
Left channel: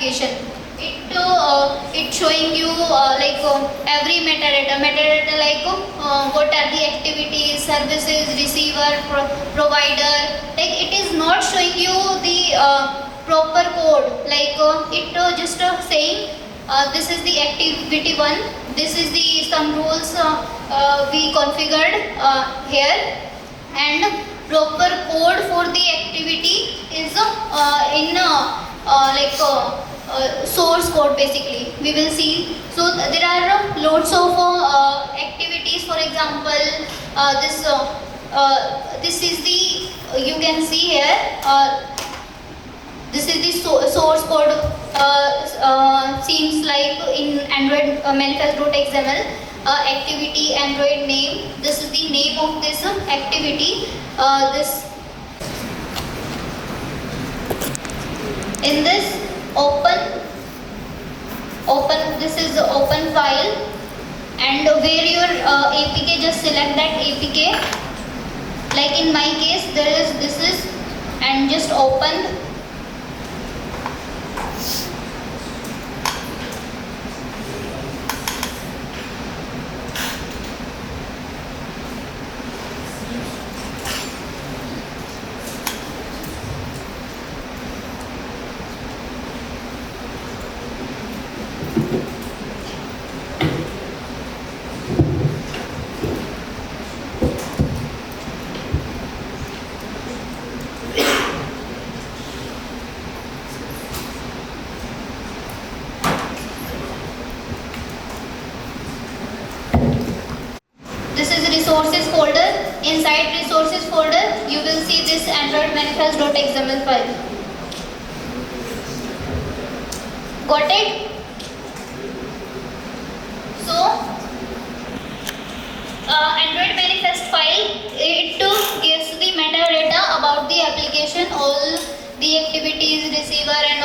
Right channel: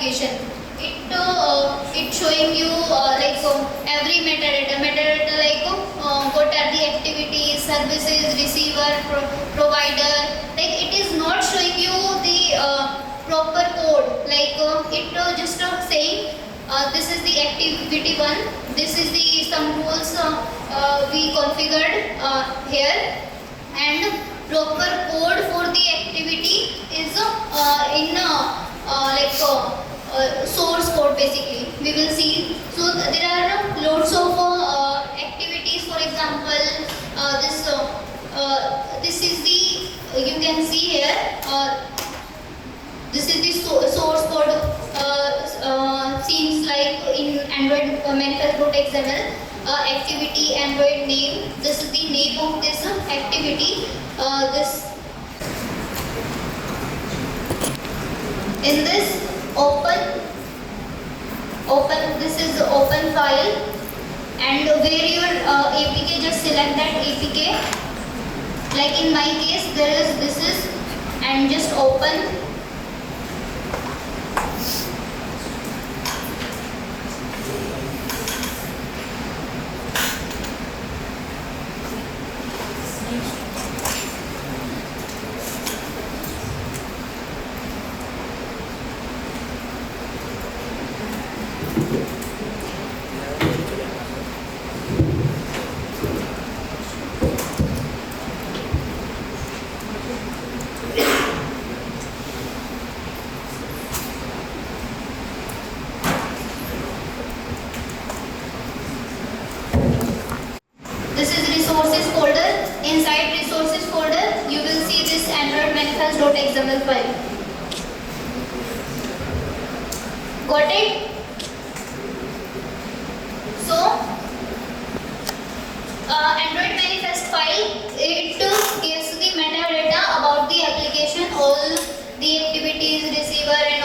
application. It showing you every metadata like what are the activities, services, receiver, provider. Like it is not showing you the proper code. Like it just saying this is the activity one. This is the some rules we configured here, and proper code for the activity is source code basically. We will see. So there are lots of activities. For example, this is the you can see here. This is the source code. Seems like in Android manifest.xml activity Android name. This is the name of this activity. In this open this is the open file, and where your APK, just select that APK. Like in my case there is this is, and just open. This is resources folder. Inside resources folder, you will see this Android manifest.xml file. Got it? So, Android manifest file, it gives the metadata about the application, all the activities, receiver and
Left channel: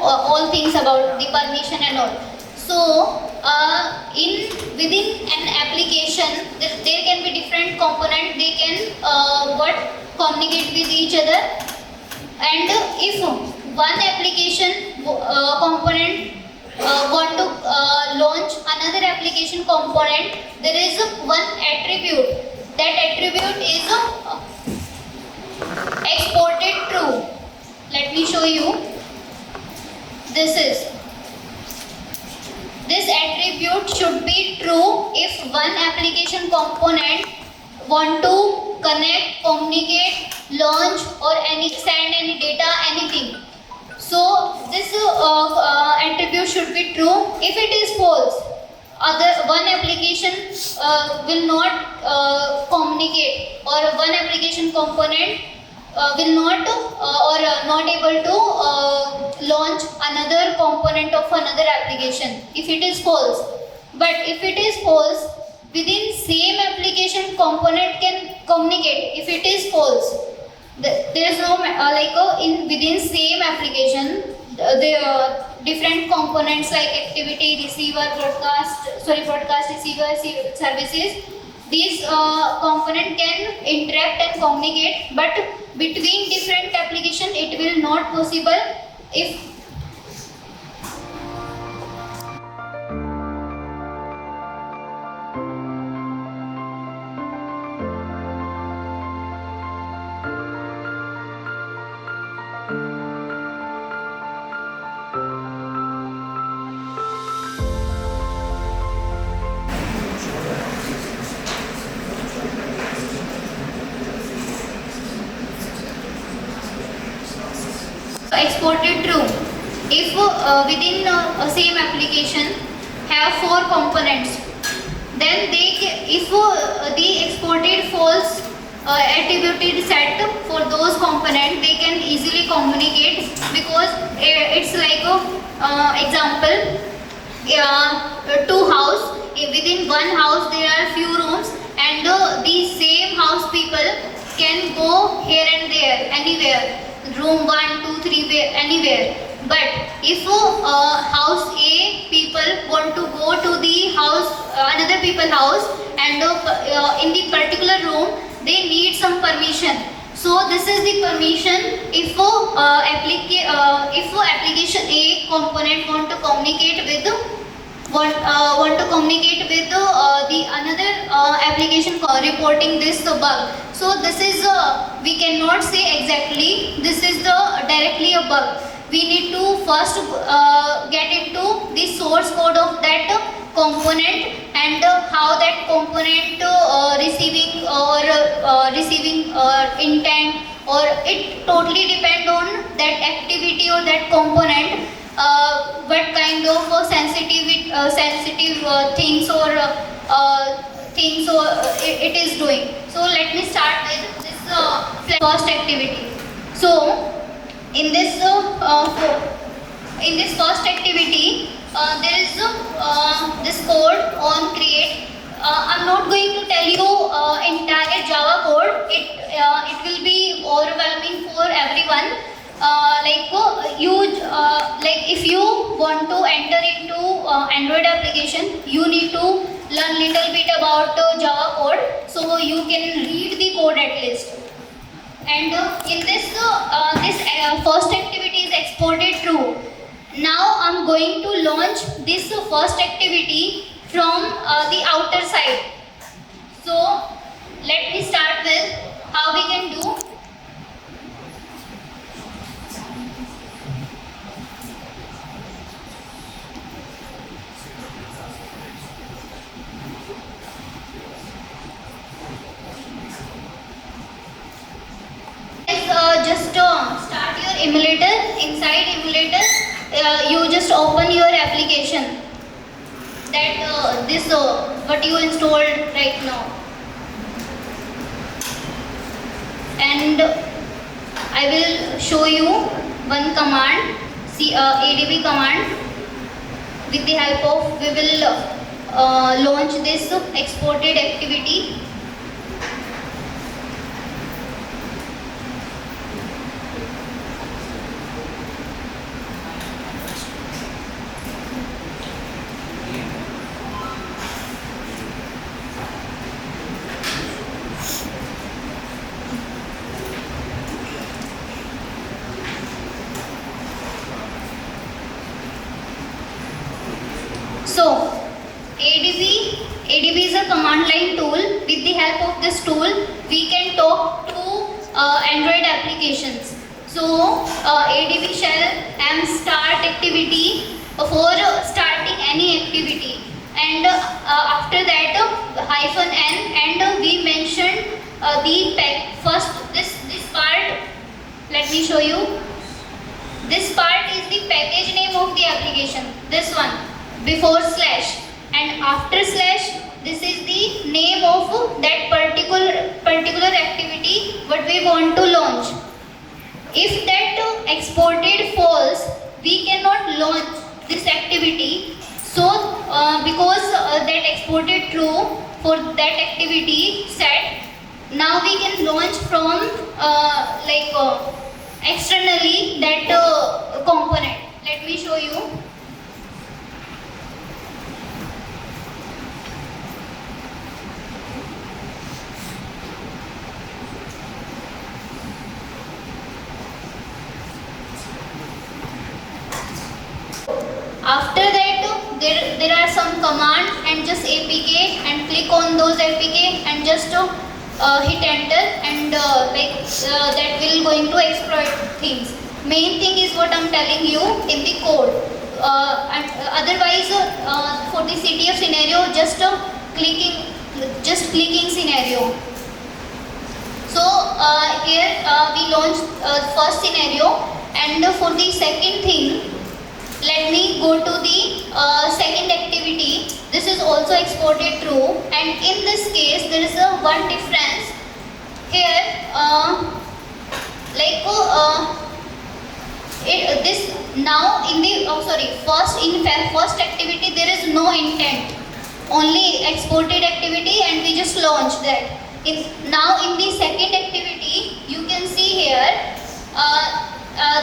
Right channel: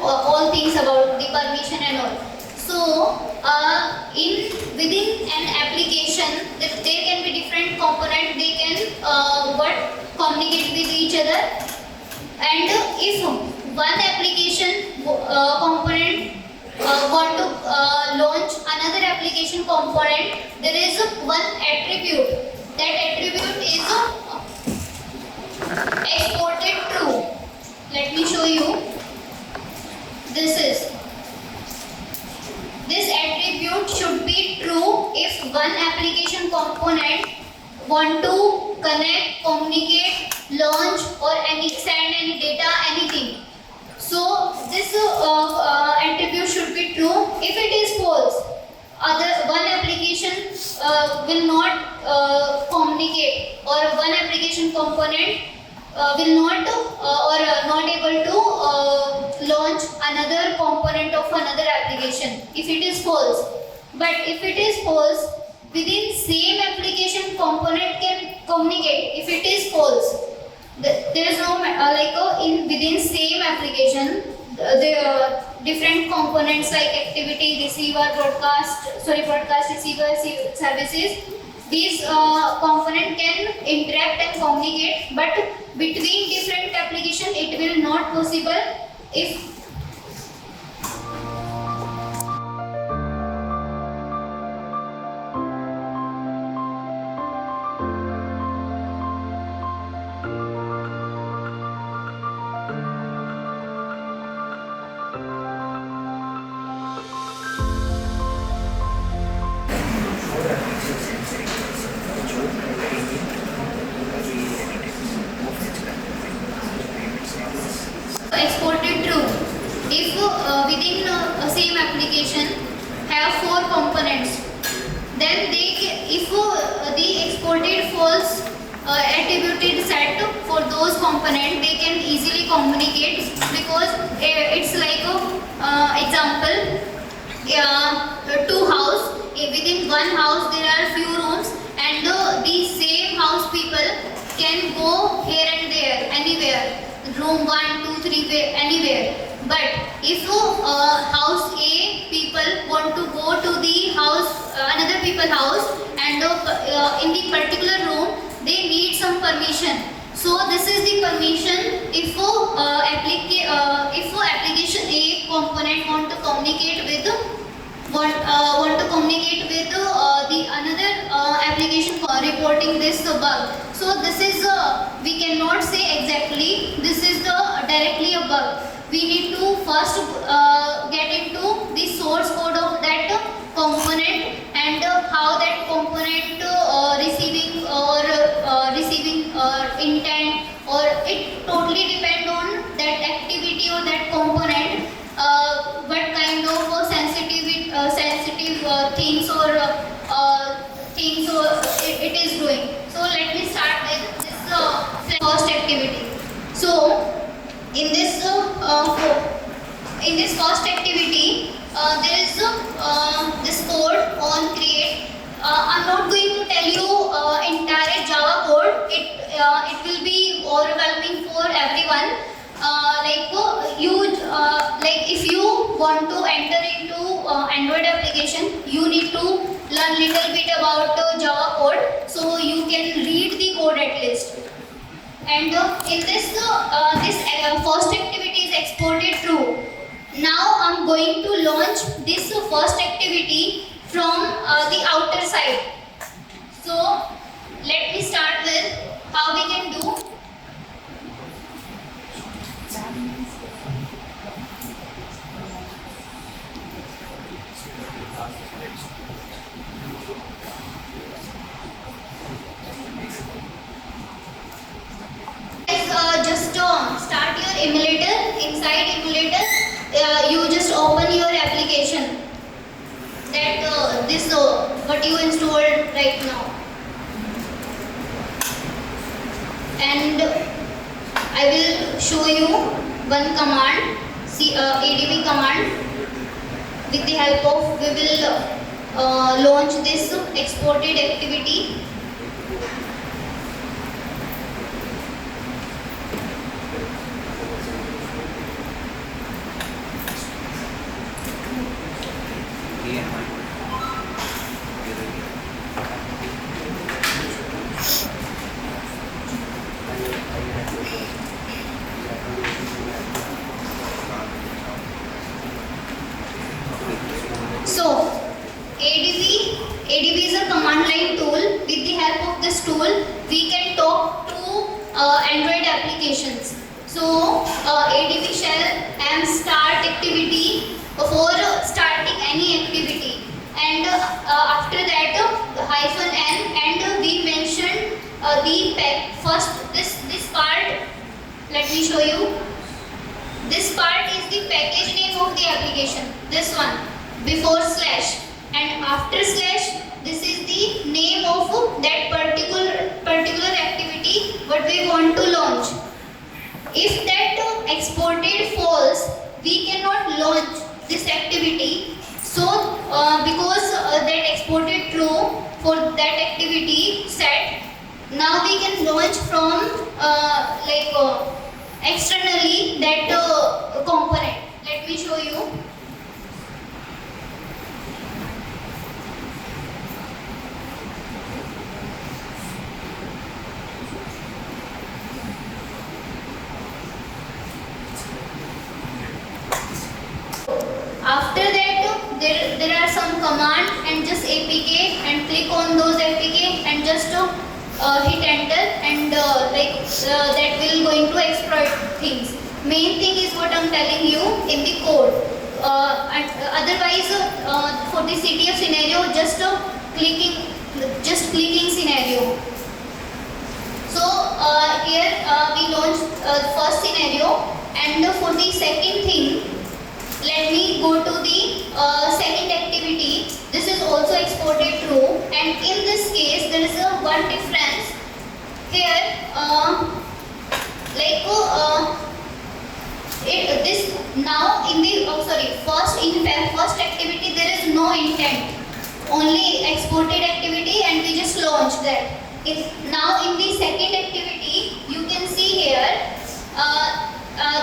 all things about the permission and all. So, within an application, there can be different components. They can communicate with each other. And if one application component want to launch another application component, there is one attribute. That attribute is exported true. Let me show you. This attribute should be true if one application component want to connect, communicate, launch or send any data, anything. So this attribute should be true. If it is false, one application will not communicate, or one application component will not not able to launch another component of another application if it is false. But if it is false, within same application component can communicate. If it is false, there is no within same application the different components like activity, receiver, broadcast, receiver, services. These component can interact and communicate, but between different application it will not possible if exported true. If within same application have 4 components, then if the exported false attributed set for those components, they can easily communicate, because it's like example, 2 house. Within one house there are few rooms, and these same house people can go here and there, anywhere, room 1, 2, 3, anywhere. But if house A people want to go to the house, another people house, and in the particular room they need some permission. So this is the permission. If application A component want to communicate with the another application reporting this bug. So this is we cannot say exactly this is directly a bug. We need to first get into the source code of that component and how that component receiving intent, or it totally depend on that activity or that component, what kind of sensitive things or it is doing. So let me start with this first activity. So in this first activity, there is this code on create. I'm not going to tell you entire Java code. It will be overwhelming for everyone. If you want to enter into Android application, you need to learn little bit about Java code, so you can read the code at least. And in this first activity is exported true. Now I'm going to launch this first activity from the outer side. So let me start with how we can do. Just start your emulator. Inside emulator, you just open your application. That what you installed right now, and I will show you one command, ADB command. With the help of, we will launch this exported activity. So, ADB is a command line tool. With the help of this tool, we can talk to Android applications. So, ADB shell and start activity for starting any activity, and after that -n, and we mentioned the pack. First, this part. Let me show you. This part is the package name of the application. This one. Before slash, and after slash, this is the name of that particular activity what we want to launch. If that exported false, we cannot launch this activity. So because that exported true for that activity set, now we can launch from externally that component. Let me show you. After that, there are some commands, and just APK, and click on those APK and just hit enter, and that will going to exploit things. Main thing is what I'm telling you in the code. And otherwise, for the CTF scenario, just clicking scenario. So here we launch first scenario, and for the second thing, let me go to the second activity. This is also exported true, and in this case there is a one difference here. This now in the first activity there is no intent, only exported activity, and we just launched that. Now in the second activity, you can see here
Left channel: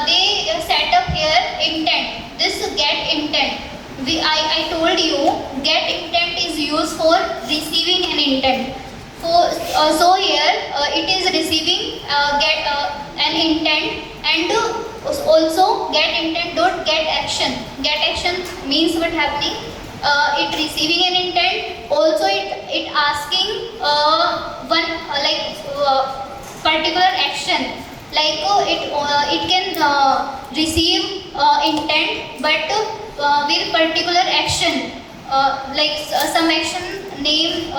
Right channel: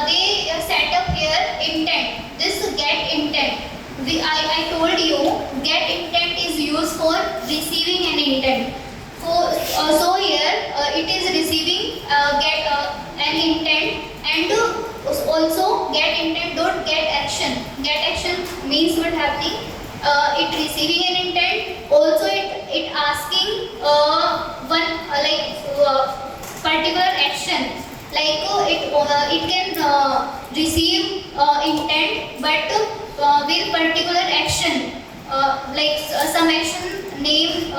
they set up here intent. This get intent. I told you get intent is used for receiving an intent. So here it is receiving get an intent, and also get intent dot get action. Get action means what happening? It receiving an intent. Also, it asking one particular action. Like it can receive intent, but with particular action. Some action name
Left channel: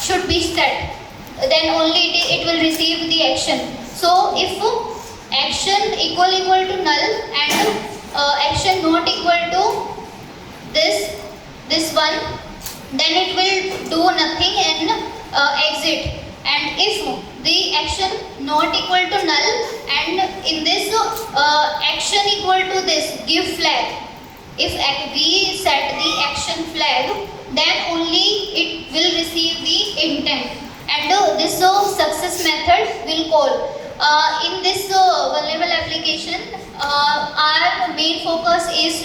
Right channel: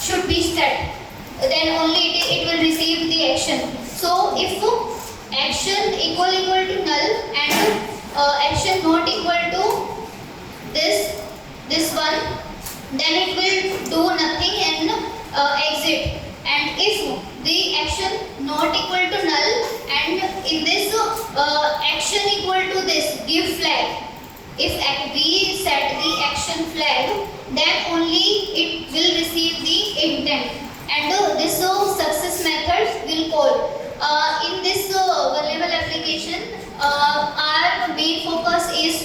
should be set. Then only it will receive the action. So if action equal to null and action not equal to this one, then it will do nothing and exit. And if the action not equal to null and in this action equal to this give flag, if we set the action flag, then only it will receive the intent. And this success method will call. In this vulnerable application, our main focus is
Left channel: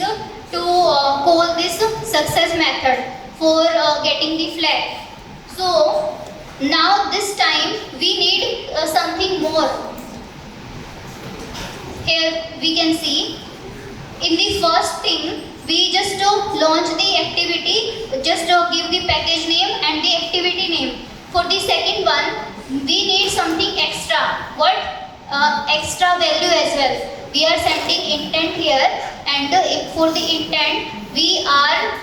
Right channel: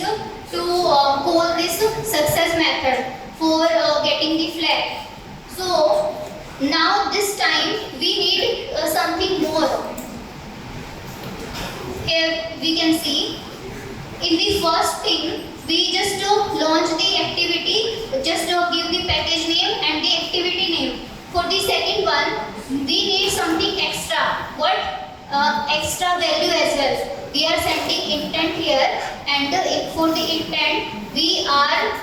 to call this success method for getting the flag. So now this time we need something more. Here we can see in the first thing we just launch the activity, just give the package name and the activity name. For the second one, we need something extra. What? Extra value as well. We are sending intent here, and for the intent, we are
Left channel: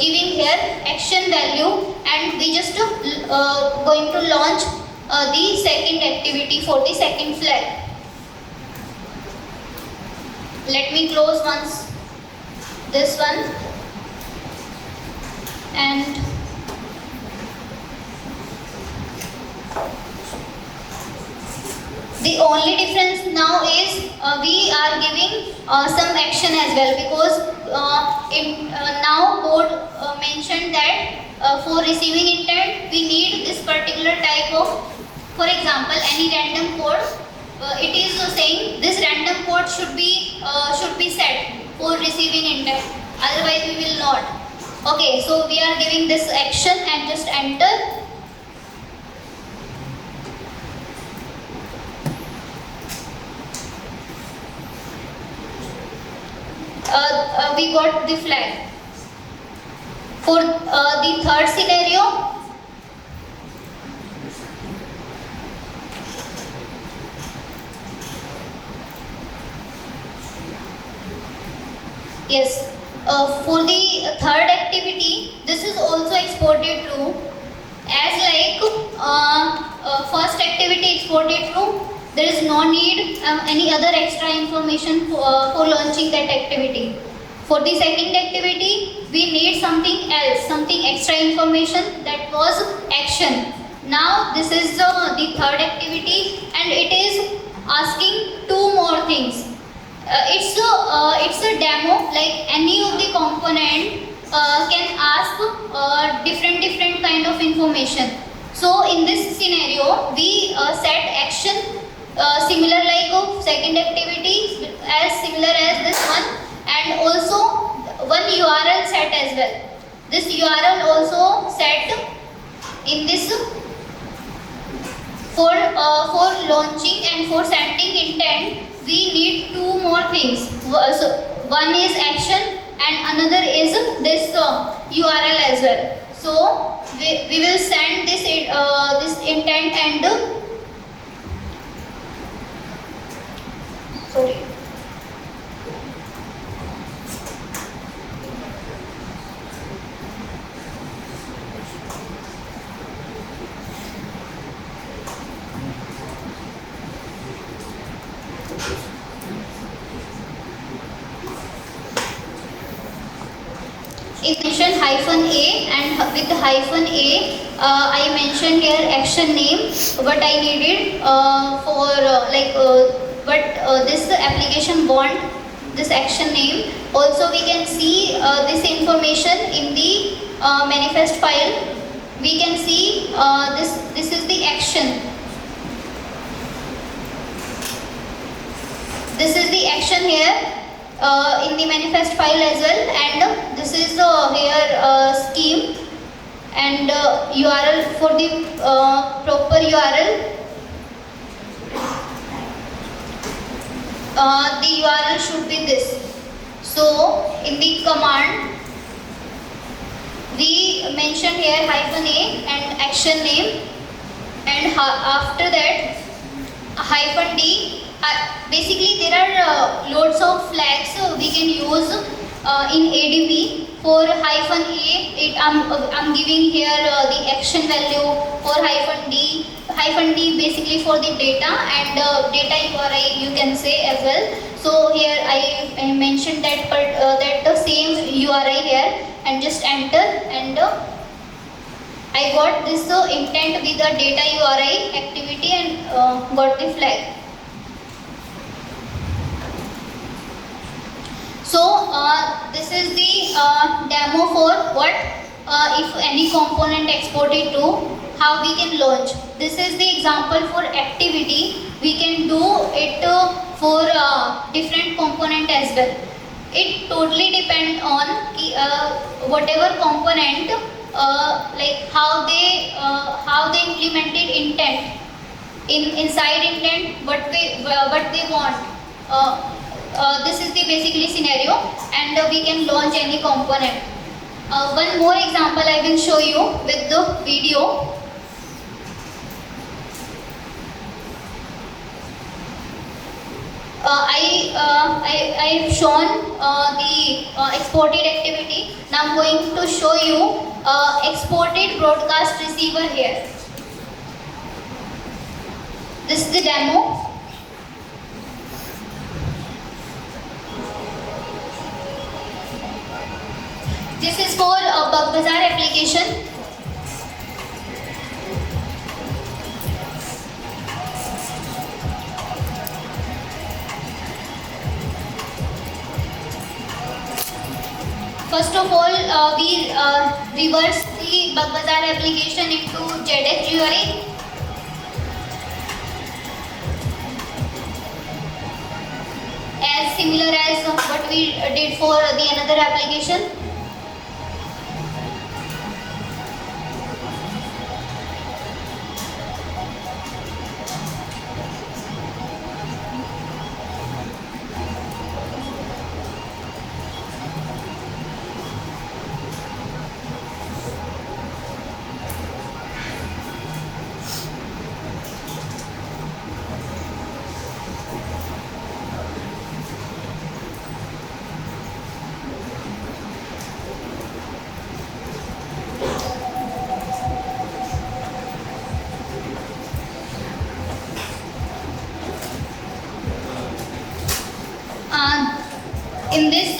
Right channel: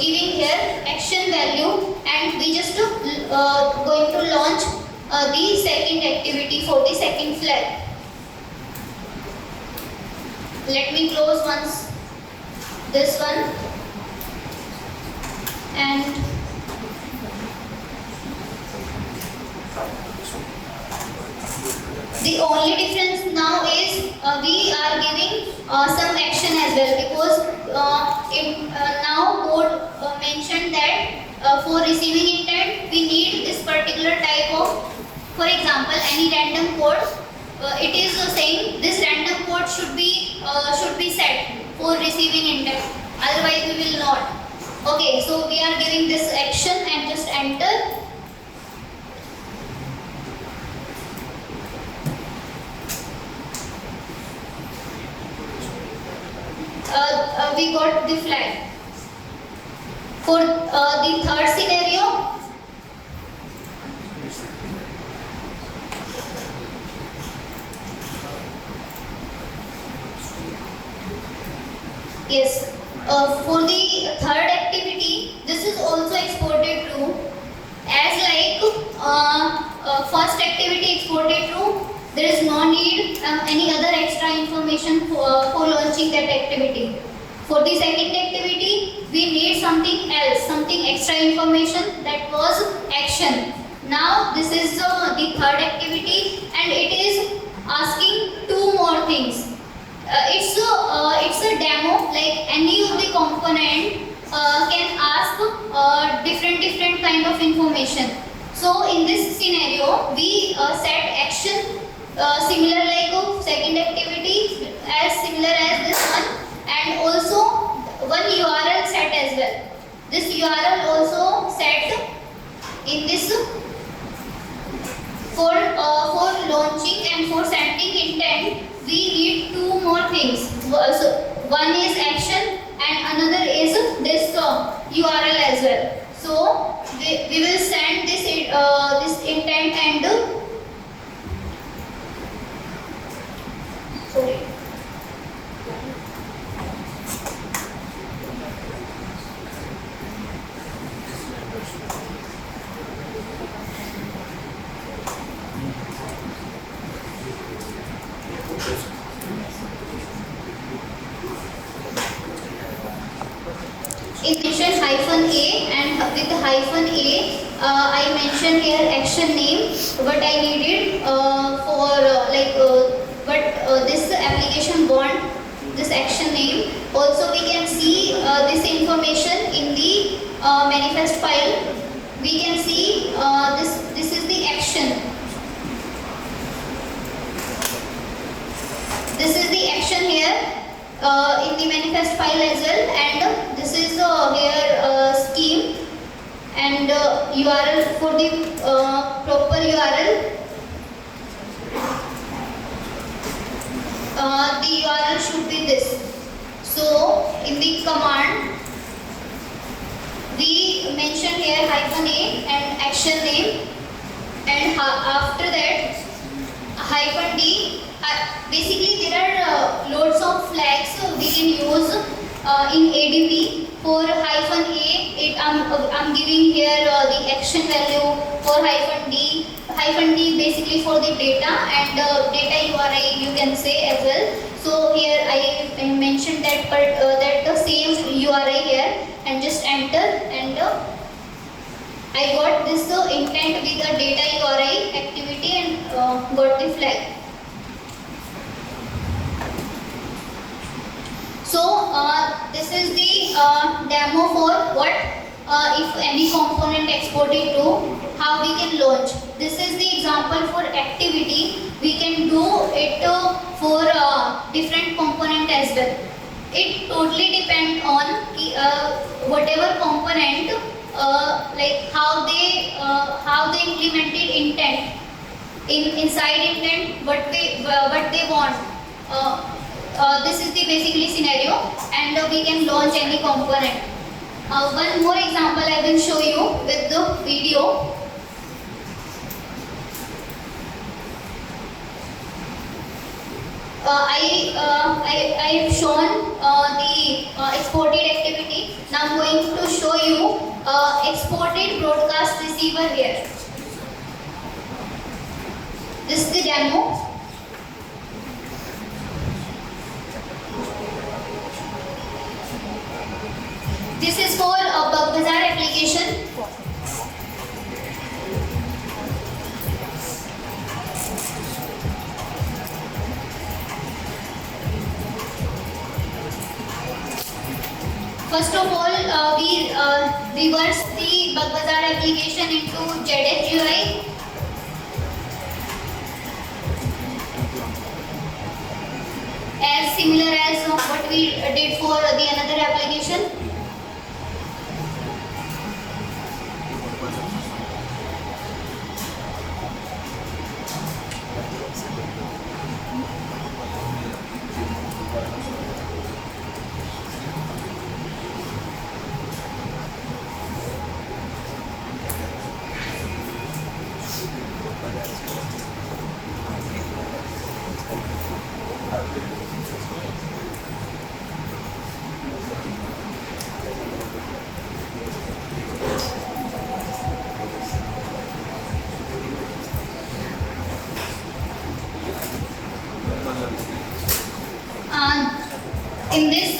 giving here action value, and we just going to launch the second activity for the second flag. Let me close once this one and the only difference now is we are giving some action as well, because now code mentioned that for receiving intent we need this particular type of, for example, any random code. It is saying this random code should be set for receiving intent. Otherwise we will not. Okay, so we are giving this action and just enter. We got the flag. For the third scenario, yes, for the third activity, this is also exported true. As like first activity exported true, there is no need any other extra information for launching that activity. For the second activity, we need something else, something extra information, that was action. Now this is the third activity and it is asking two more things. It's a demo, like any of the component can ask different kind of information. So in this scenario, we set action similar like second activity, as similar as this one, and also one URL set as well. This URL also set in this for launching and for sending intent. We need two more things. So one is action and another is this URL as well. So we will send this this intent and sorry. It mentioned -a, and with the -a, I mentioned here action name, what I needed for what this application want, this action name. Also we can see this information in the manifest file. We can see this is the action. This is the action here in the manifest file as well, and this is here scheme and URL for the proper URL. The URL should be this. So in the command, we mention here -a and action name, and after that -d. Basically, there are loads of flags we can use in ADB. For -a, I'm giving here the action value. For -d, -d basically for the data, and data URI you can say as well. So here I mentioned that that the same URI here, and just enter, and I got this intent with the data URI activity, and got the flag. So this is the demo for what if any component exported to, how we can launch. This is the example for activity. We can do it for different component as well. It totally depends on whatever component, like how they implemented intent inside intent, what they want. This is the basically scenario, and we can launch any component. One more example I will show you with the video. I have shown the exported activity. Now I'm going to show you exported broadcast receiver here. This is the demo. This is for a Bugbazaar application. First of all, we reverse the Bugbazaar application into JDX UI. As similar as what we did for the another application. In this,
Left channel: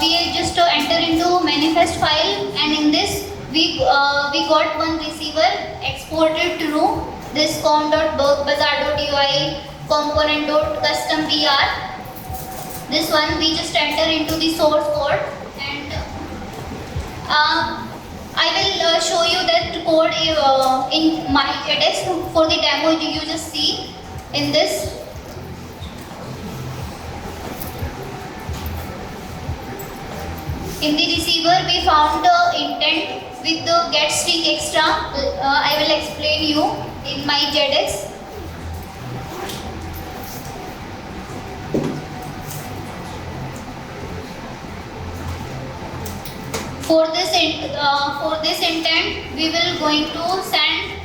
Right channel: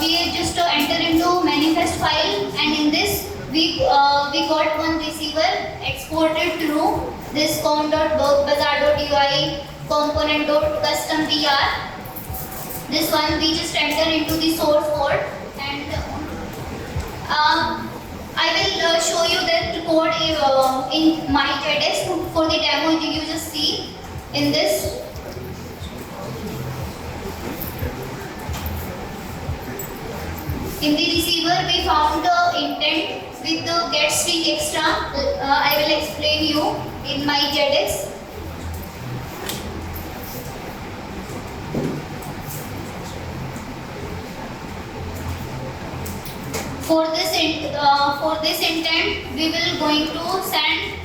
we just enter into manifest file, and in this we got one receiver exported through this com.bugbazaar.ui component.custom.dr. This one we just enter into the source code, and I will show you that code in my JDX for the demo. You just see in this. In the receiver, we found the intent with the get string extra. I will explain you in my JDX. For this intent, we will going to send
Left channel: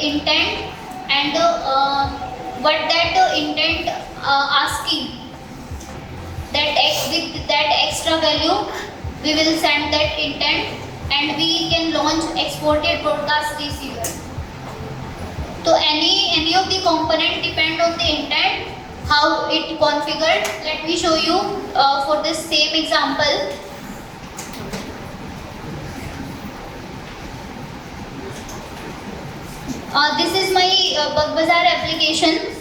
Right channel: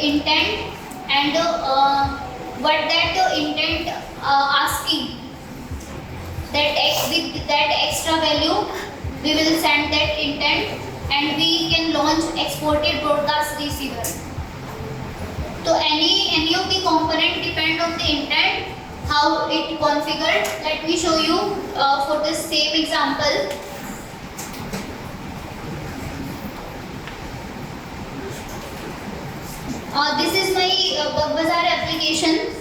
intent, and what that intent asking, with that extra value. We will send that intent, and we can launch exported broadcast receiver. So any of the component depend on the intent, how it configured. Let me show you for the same example. This is my Bugbazaar application,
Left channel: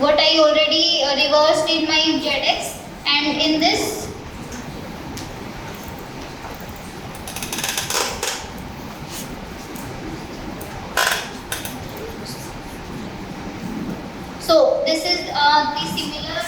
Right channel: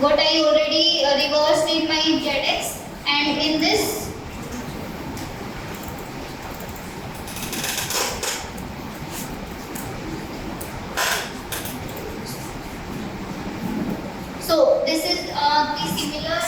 what I already reversed in my JDX, and in this this is the similar.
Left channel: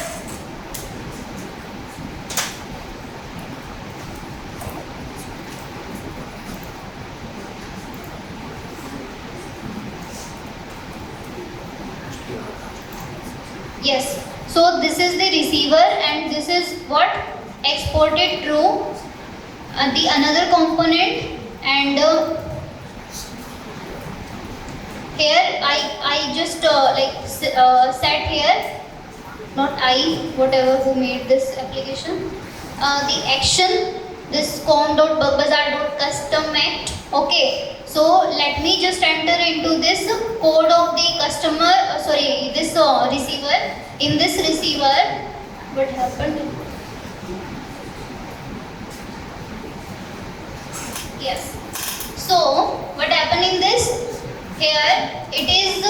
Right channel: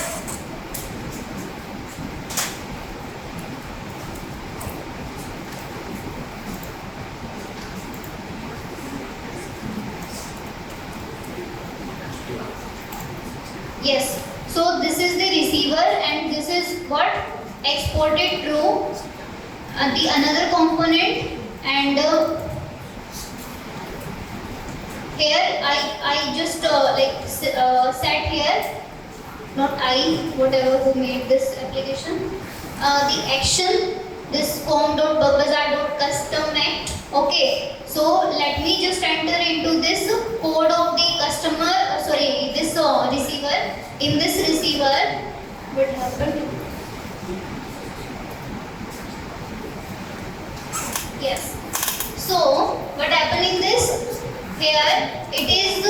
Yes. So this is the receiver, and this is is what? Exported true. The another component, and here I just set here, not I, whatever who made this application. The action, this com.bugbazaar.custom act. Okay, so let me just enter into this code of the customer, this receiver. In this receiver, what happened? Yes. So, what happened in this? Here, it is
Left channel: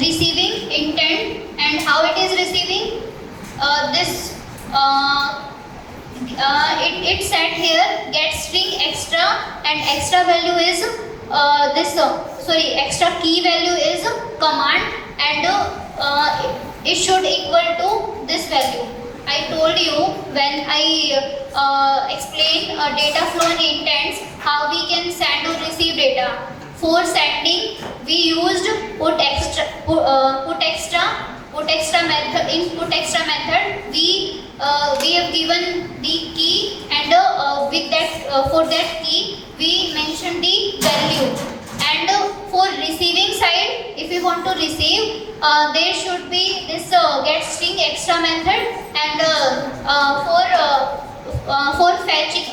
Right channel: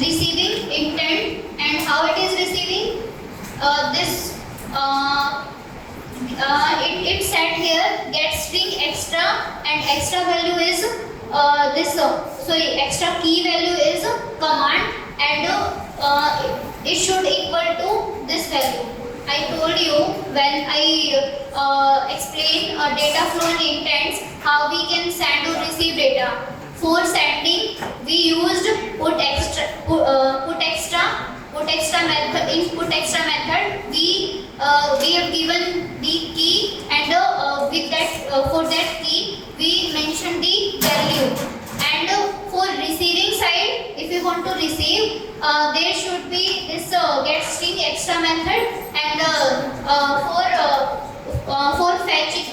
receiving intent, and how it is receiving? It said here get string extra, and extra value is extra key value is command, and it should equal to this value. I told you when I explain data flow and intents, how we can send or receive data. For sending, we used put extra method. In put extra method, we have given the key, and with that for that key we mentioned the value. And for receiving side, if we want to receive, there should be this get string extra method, and for fetching,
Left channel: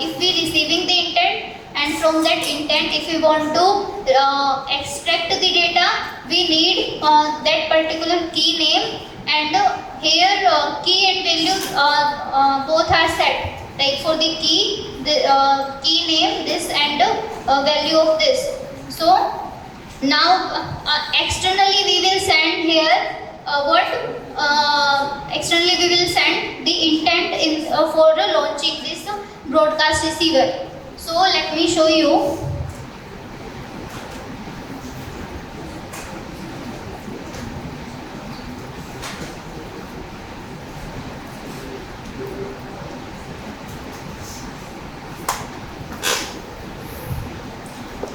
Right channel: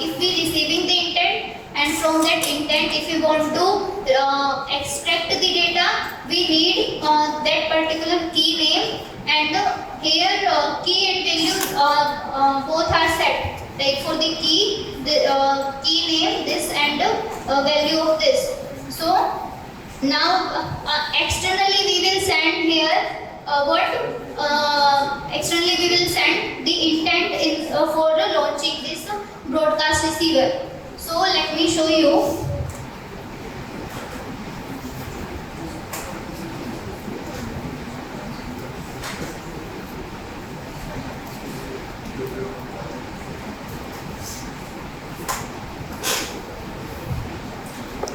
if we receiving the intent, and from that intent if we want to extract the data, we need that particular key name, and here key and values both are set. Like for the key, the key name this, and value of this. So now externally we will send here externally we will send the intent in for launching this broadcast receiver. So let me show you.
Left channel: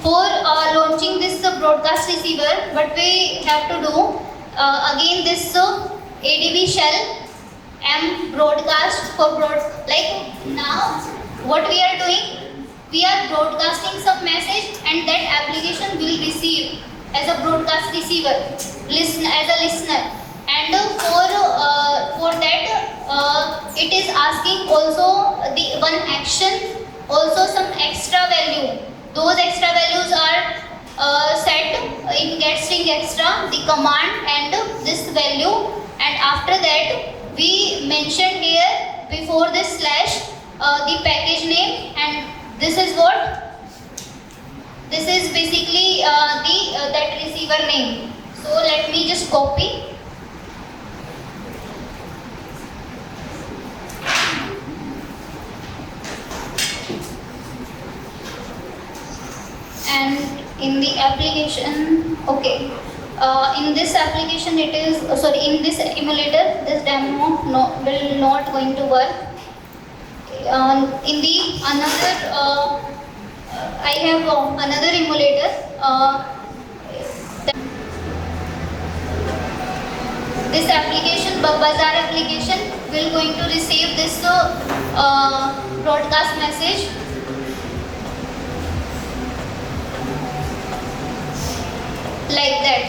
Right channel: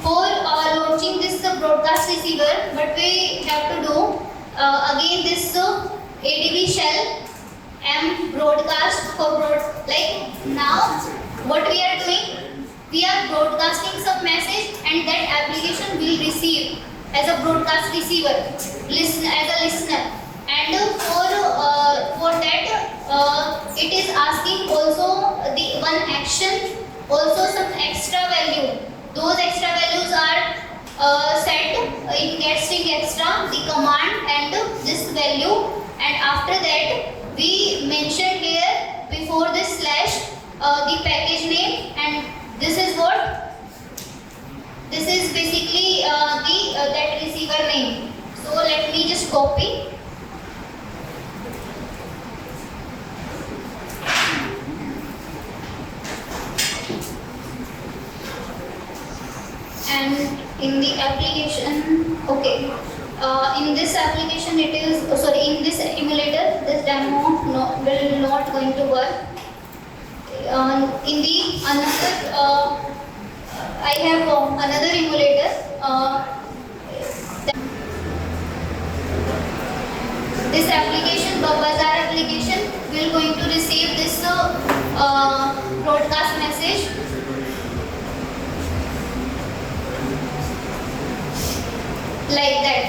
For launching this broadcast receiver, what we have to do, again this ADB shell M broadcast for now what we are doing, we are broadcasting some message, and that application will receive as a broadcast receiver, listen as a listener, and for that it is asking also the one action, also some extra value. Those extra values are set in get string extra, the command, and this value, and after that we mentioned here before this slash the package name, and this is what? This is basically that receiver name. So let me just copy. And in the application, okay, in this application it is, in this emulator, this demo will not going to work. In the another, I have another emulator. This application, Bugbazaar application, will going to receive this broadcast message. Like that.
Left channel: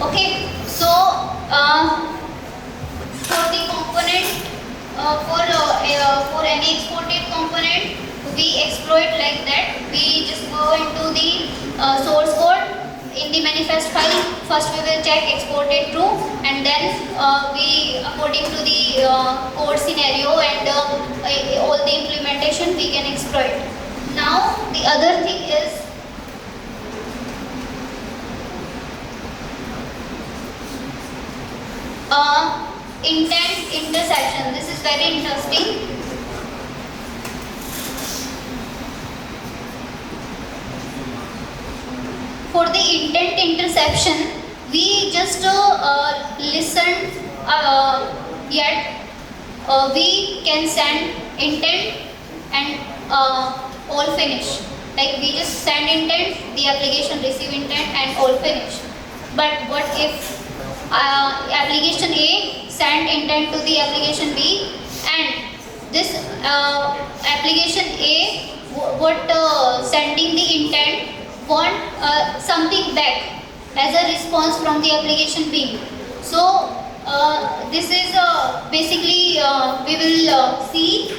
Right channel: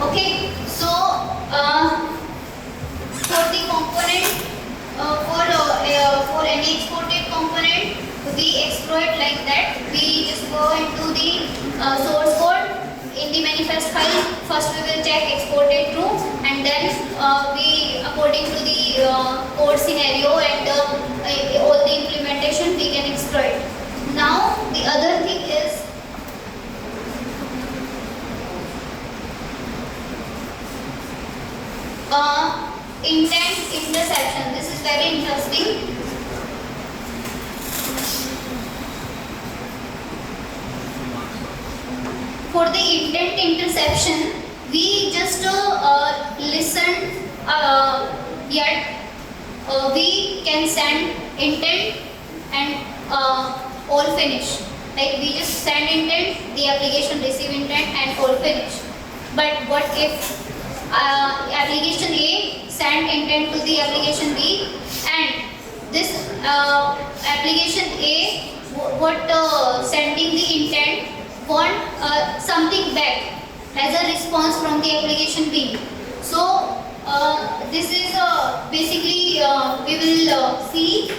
Okay, so for the component, for any exported component, we exploit like that. We just go into the source code. In the manifest file, first we will check exported true, and then we, according to the code scenario and all the implementation, we can exploit. Now the other thing is, intent intersection. This is very interesting. For the intent interception, we just listen yet we can send intent and all finish. Like we just send intent, the application receive intent, and all finish. But what if application A send send intent to the application B, and this application A sending the intent want something back as a response from the application B. So this is basically we will see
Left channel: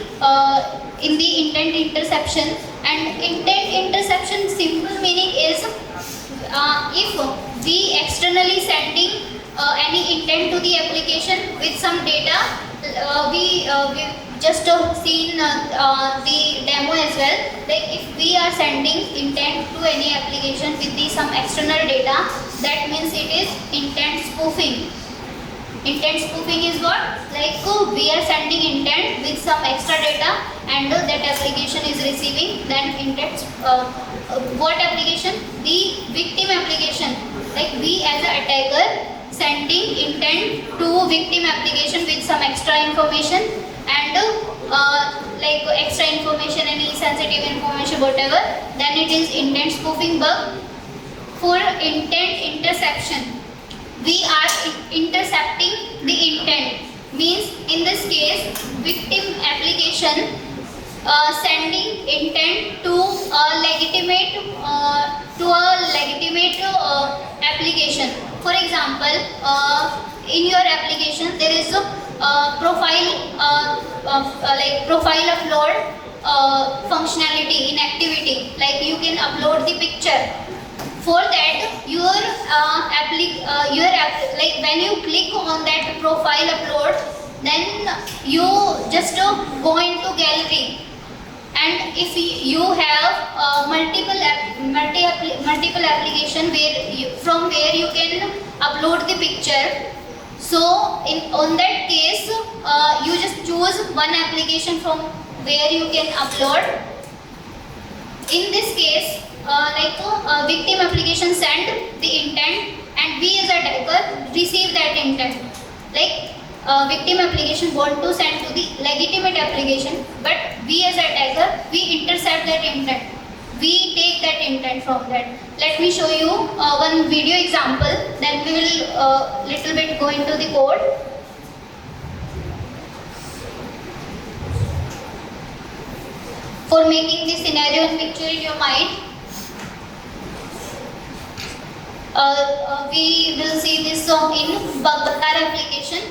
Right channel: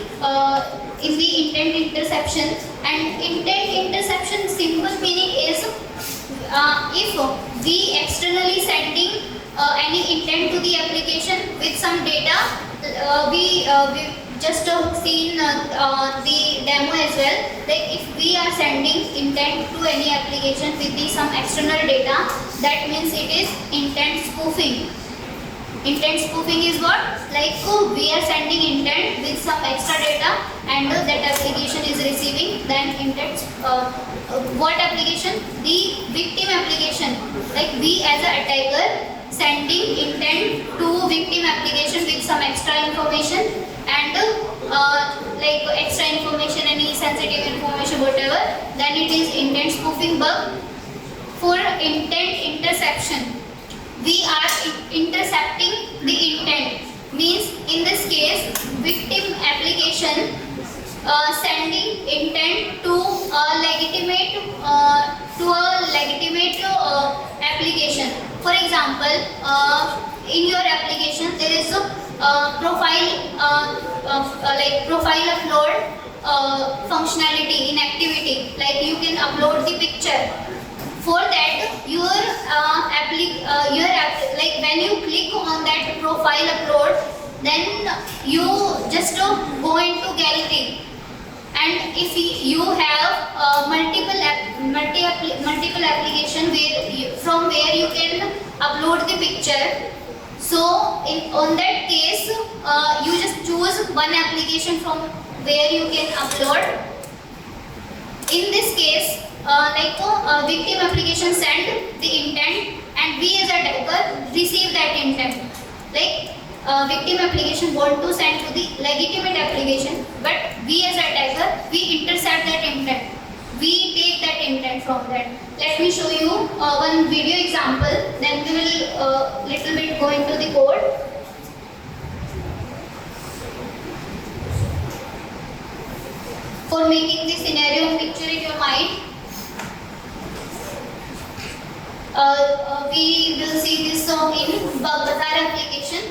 in the intent interception. And intent interception simple meaning is if we externally sending any intent to the application with some data, we just seen the demo as well. Like if we are sending intent to any application with some external data, that means it is intent spoofing. Intent spoofing is what? Like we are sending intent with some extra data and that application is receiving then intent. What application? The victim application. Like we as an attacker sending intent to victim application with some extra information and like extra information, any sensitive information, whatever, then it is intent spoofing bug. For intent interception, we are intercepting the intent. Means in this case, victim application sending intent to a legitimate application. For example, in your application there is a profile profile upload functionality in activity. Like you can upload the picture. For that, like when you click on that profile upload, then you just go into gallery. And if you have multiple application from where you can upload the picture, so on that case you just choose one application from where you can upload. In this case, victim application send the intent and we as a attacker receive that intent. Like victim application want to send to the legitimate application, but we as a attacker, we intercept that intent. We take that intent from that. Let me show you one video example, then we will little bit go into the code. For making the scenario and picture in your mind, we will see this in Bazaar application.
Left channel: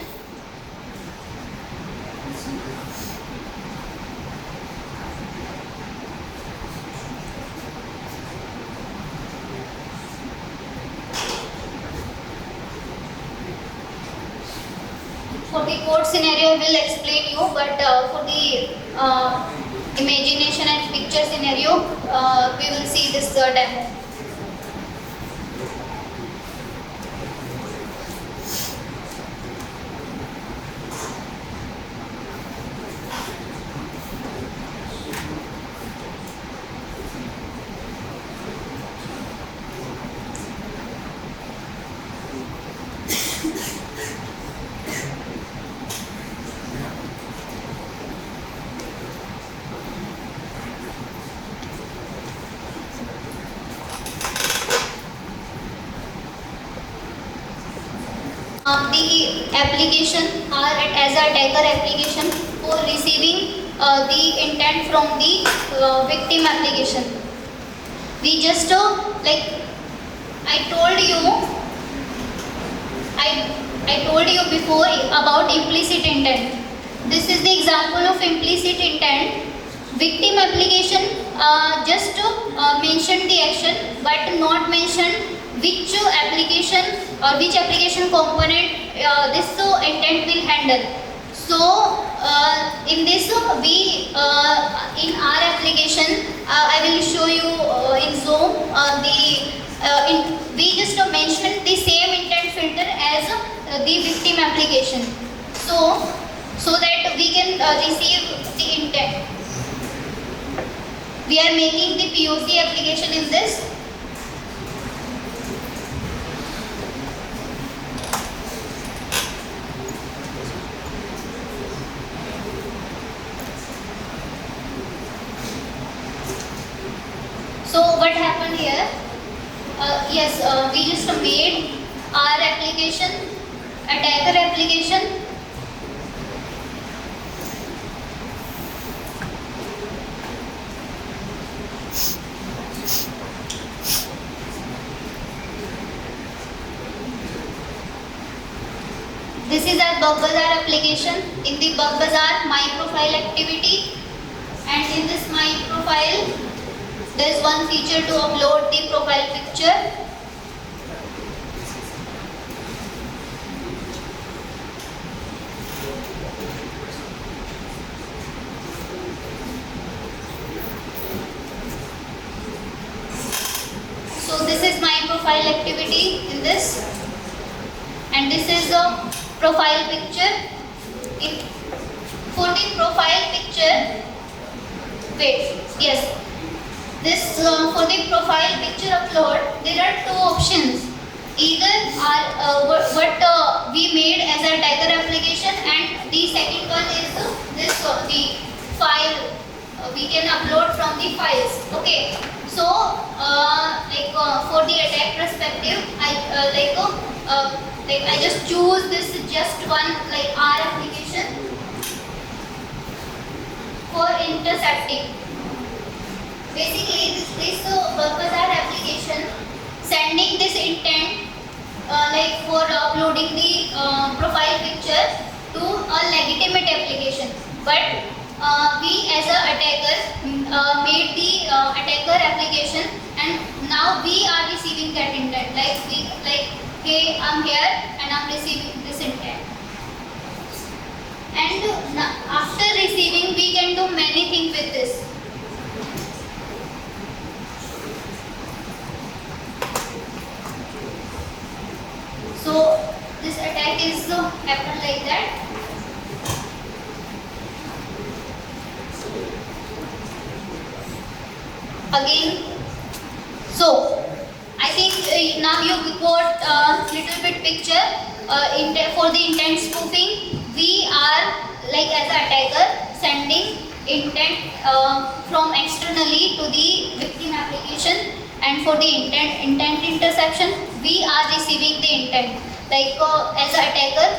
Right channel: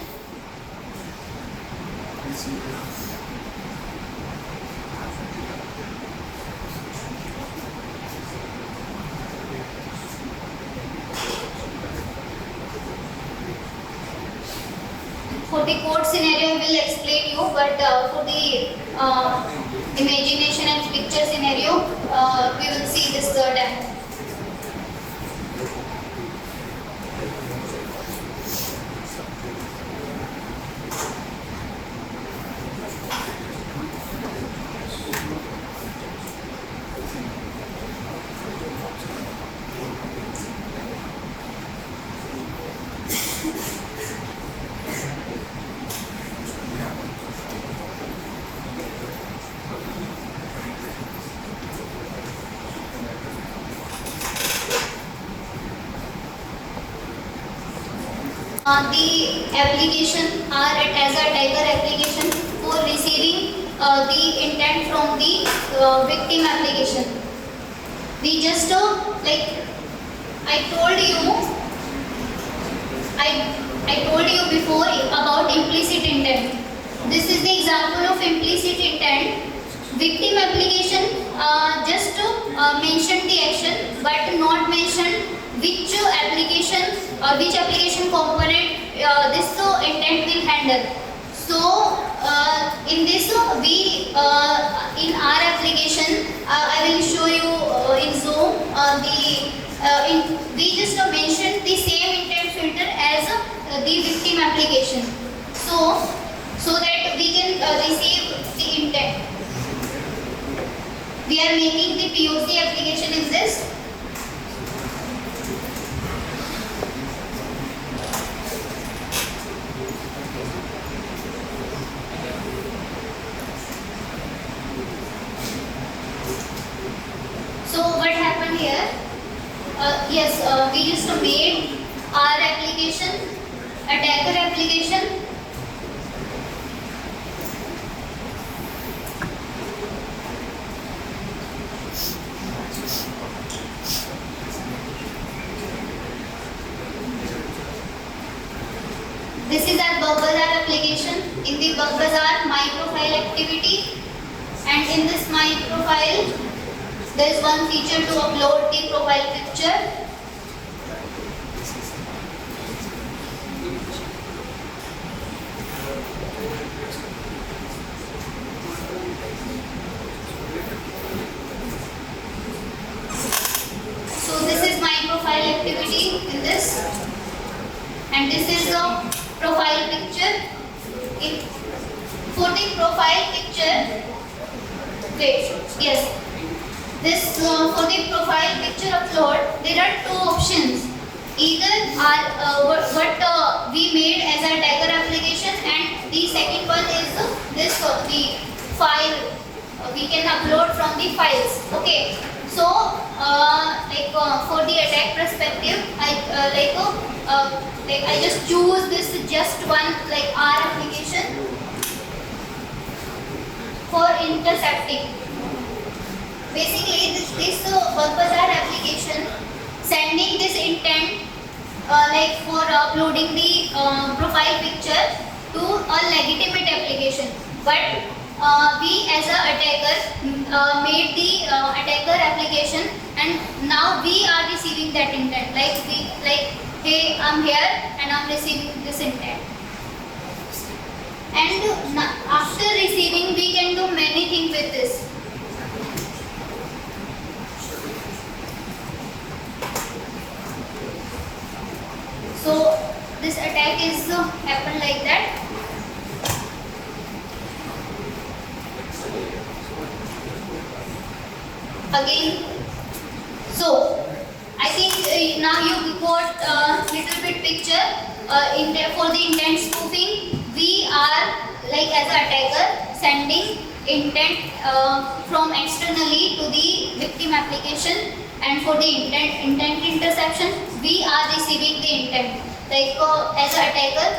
For the code scenario, I will explain you, but for the imagination and picture scenario, we will see this demo. The application are as a attacker application for receiving the intent from the victim application. We just like I told you before about implicit intent. This is the example of implicit intent. Victim application just mention the action but not mention which application or which application component this intent will handle. So in this we in our application I will show you in Zoom we just mentioned the same intent filter as the victim application. So that we can receive the intent. We are making the POC application in this. So what happened here? We just made our application, attacker application, This is our Bug Bazaar application. In the Bug Bazaar My Profile activity, and in this My Profile there is one feature to upload the profile picture. So this is my profile activity in this, and this is the profile picture. For the profile picture, wait, yes, this for the profile picture upload, there are two options. Either what we made as a Tiger application, and the second one is this one, the file. We can upload from the files. Okay. So, for the attack perspective, I just choose this just one R application for intercepting. Basically, this Bug Bazaar application sending this intent for uploading the profile picture to a legitimate application, but we as a attacker made the attacker application, and now we are receiving that intent. Hey, I'm here and I'm receiving this intent. And after receiving, we can do many things with this. So this attack is happened like that. Again, so I think now you got a little bit picture for the intent spoofing. We are as an attacker sending intent from externally to the victim application, and for the intent interception, we are receiving the intent. As an attacker,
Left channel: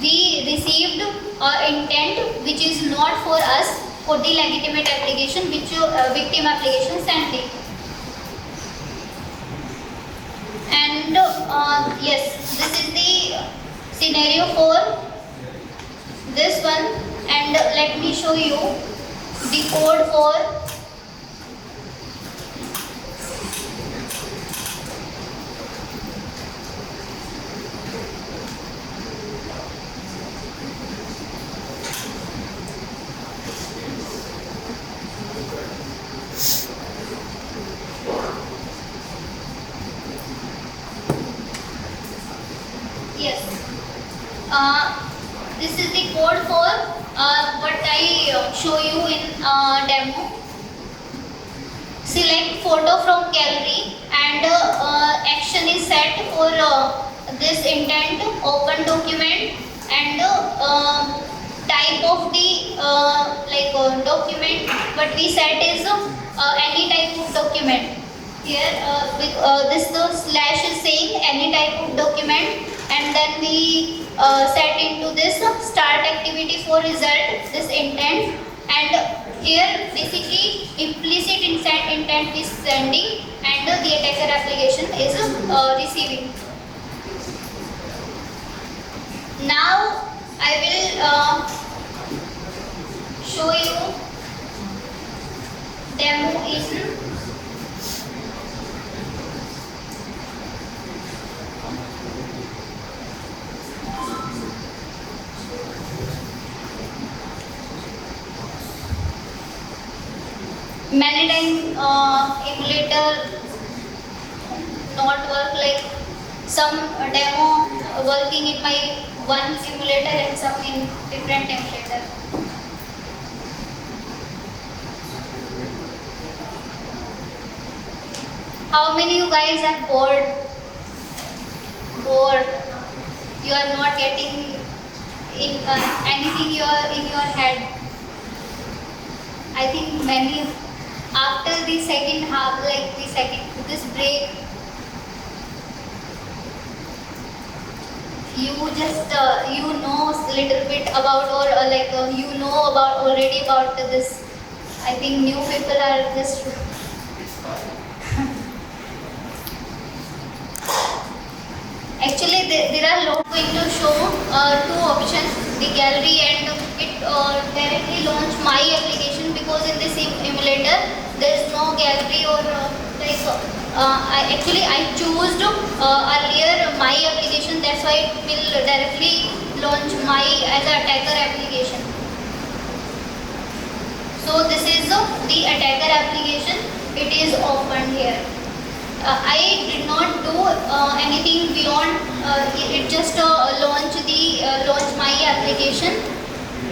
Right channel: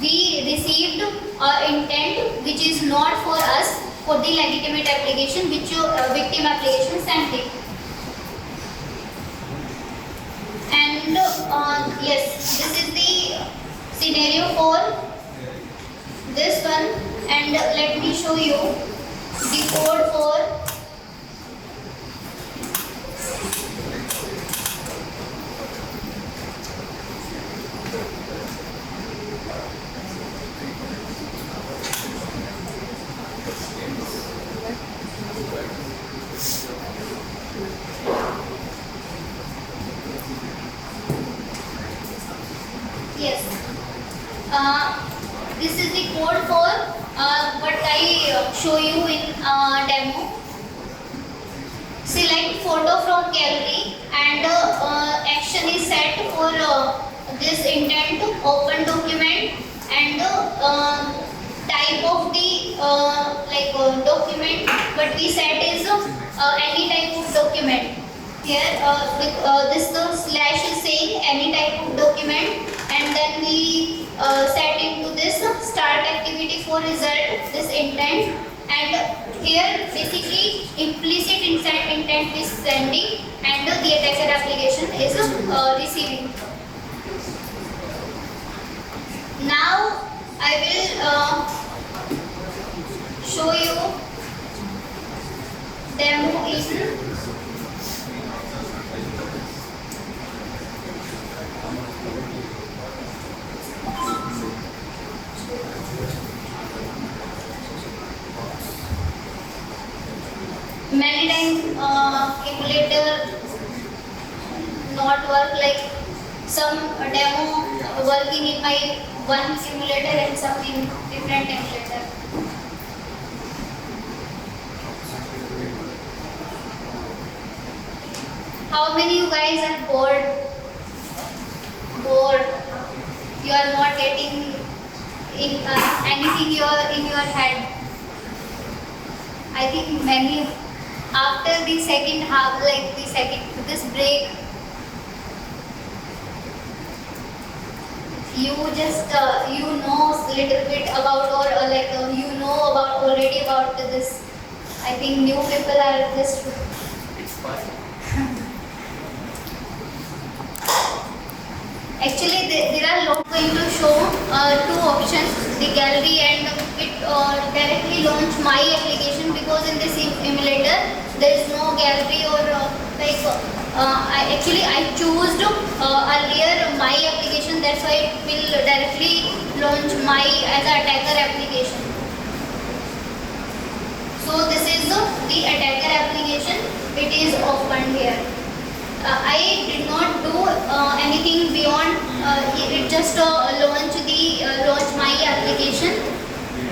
we received intent which is not for us, for the legitimate application which your victim application sent it. And yes, this is the scenario for this one, and let me show you the code for this is the code for what I show you in demo. Select photo from gallery, and action is set for this intent open document, and type of the document what we set is any type of document. Here this slash is saying any type of document, and then we set into this start activity for result this intent, and here basically implicit intent is sending, and the attacker application is receiving. Now I will show you demo in many times emulator not work, some demo working in my one simulator and some in different emulator. How many you guys are bored? You are not getting in anything in your head. I think many. After the second half, this break, you just you know a little bit about, or you know about already about this. I think new people are just Actually, there are lot going to show two options, the gallery and it directly launch my application, because in this emulator there is no gallery or I choose earlier my application, that's why it will directly launch my as a attacker application. So this is the attacker application, it is opened here. I did not do anything beyond it, just launch my application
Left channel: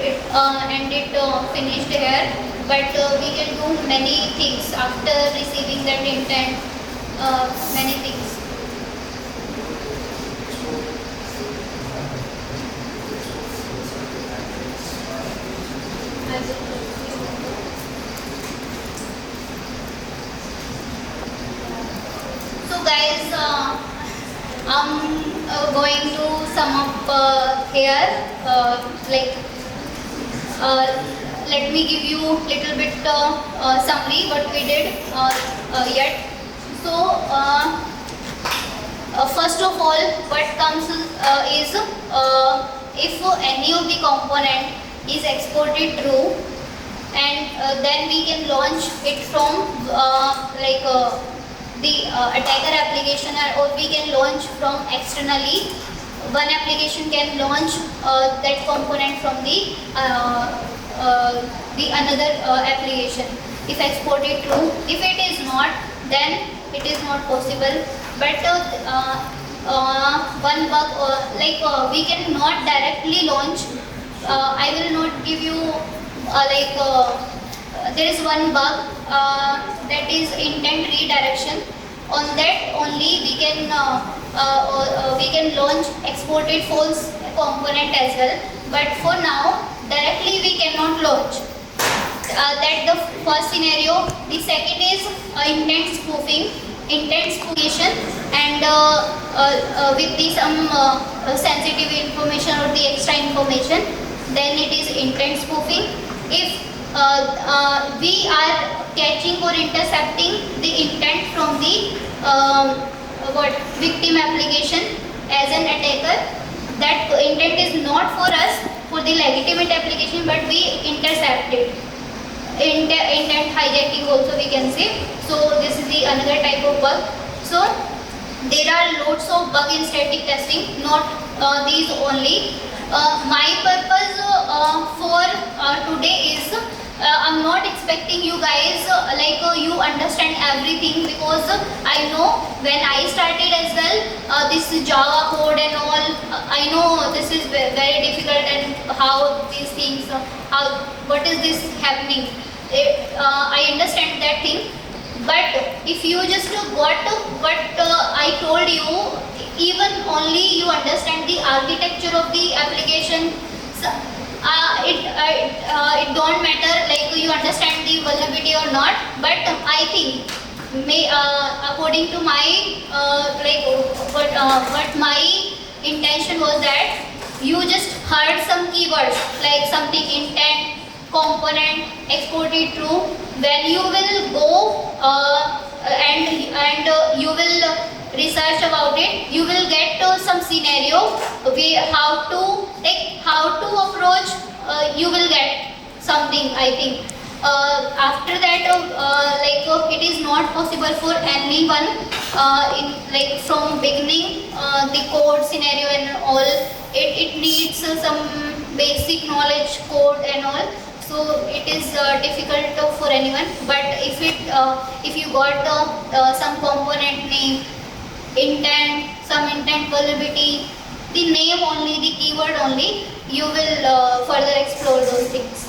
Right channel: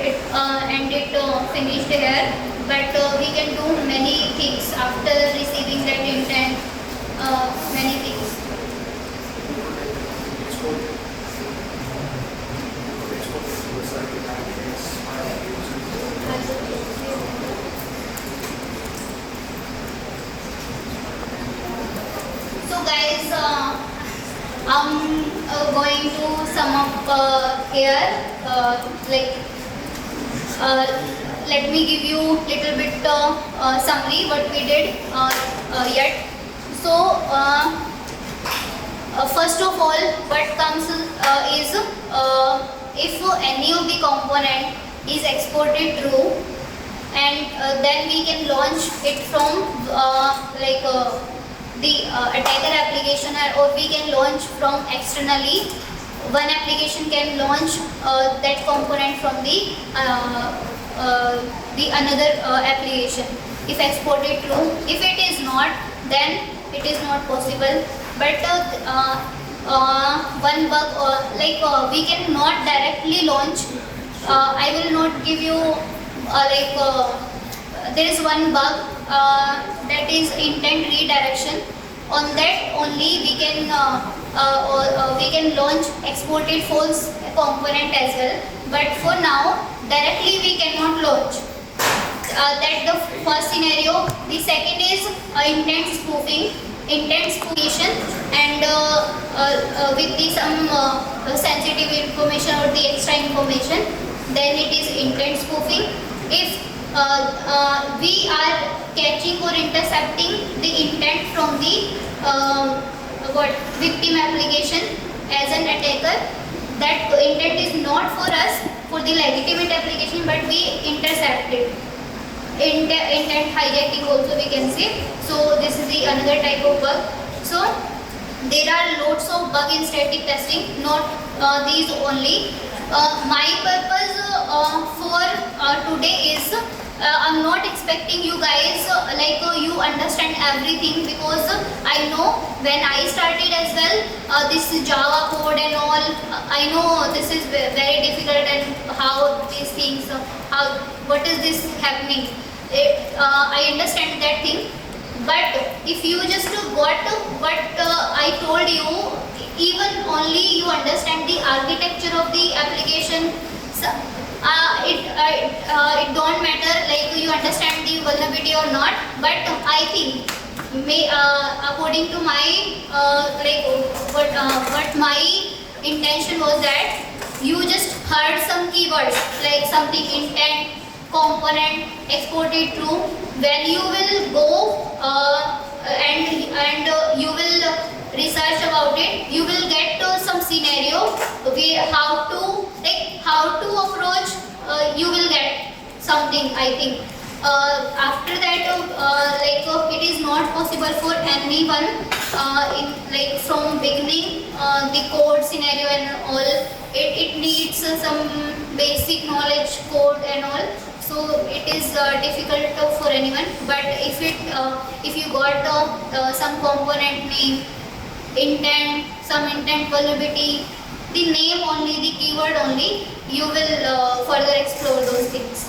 and it finished here, but we can do many things after receiving that intent, many things. So guys, I'm going to sum up here, let me give you little bit summary what we did yet. So first of all, what comes is if any of the component is exported true, and then we can launch it from the attacker application, or we can launch from externally. One application can launch that component from the another application if exported true. If it is not, then it is not possible. But one bug, we cannot directly launch. I will not give you there is one bug that is intent redirection. On that only we can launch exported false component as well. But for now, directly we cannot launch. That the first scenario. The second is intent spoofing, intent spoofing, and with the some sensitive information or the extra information, then it is intent spoofing. If we are catching or intercepting the intent from the victim application as an attacker, that intent is not for us, for the legitimate application, but we intercept it. Intent hijacking also we can say. So this is the another type of bug. So there are lots of bug in static testing, not these only. My purpose for today is I'm not expecting you guys you understand everything, because I know when I started as well, this Java code and all, I know this is very difficult, and how these things, what is this happening, I understand that thing. But if you just got what I told you, even only you understand the architecture of the application, so, it don't matter you understand the vulnerability or not. But I think according to my what my intention was, that you just heard some keywords like something intent, component, exported true. When you will go and you will research about it, you will get some scenario how to approach, you will get something, I think. After that it is not possible for anyone in from beginning the code scenario and all, it needs some basic knowledge code and all. So it is difficult for anyone. But if you got some component name, intent, some intent vulnerability, the name only, the keyword only, you will further explore those things.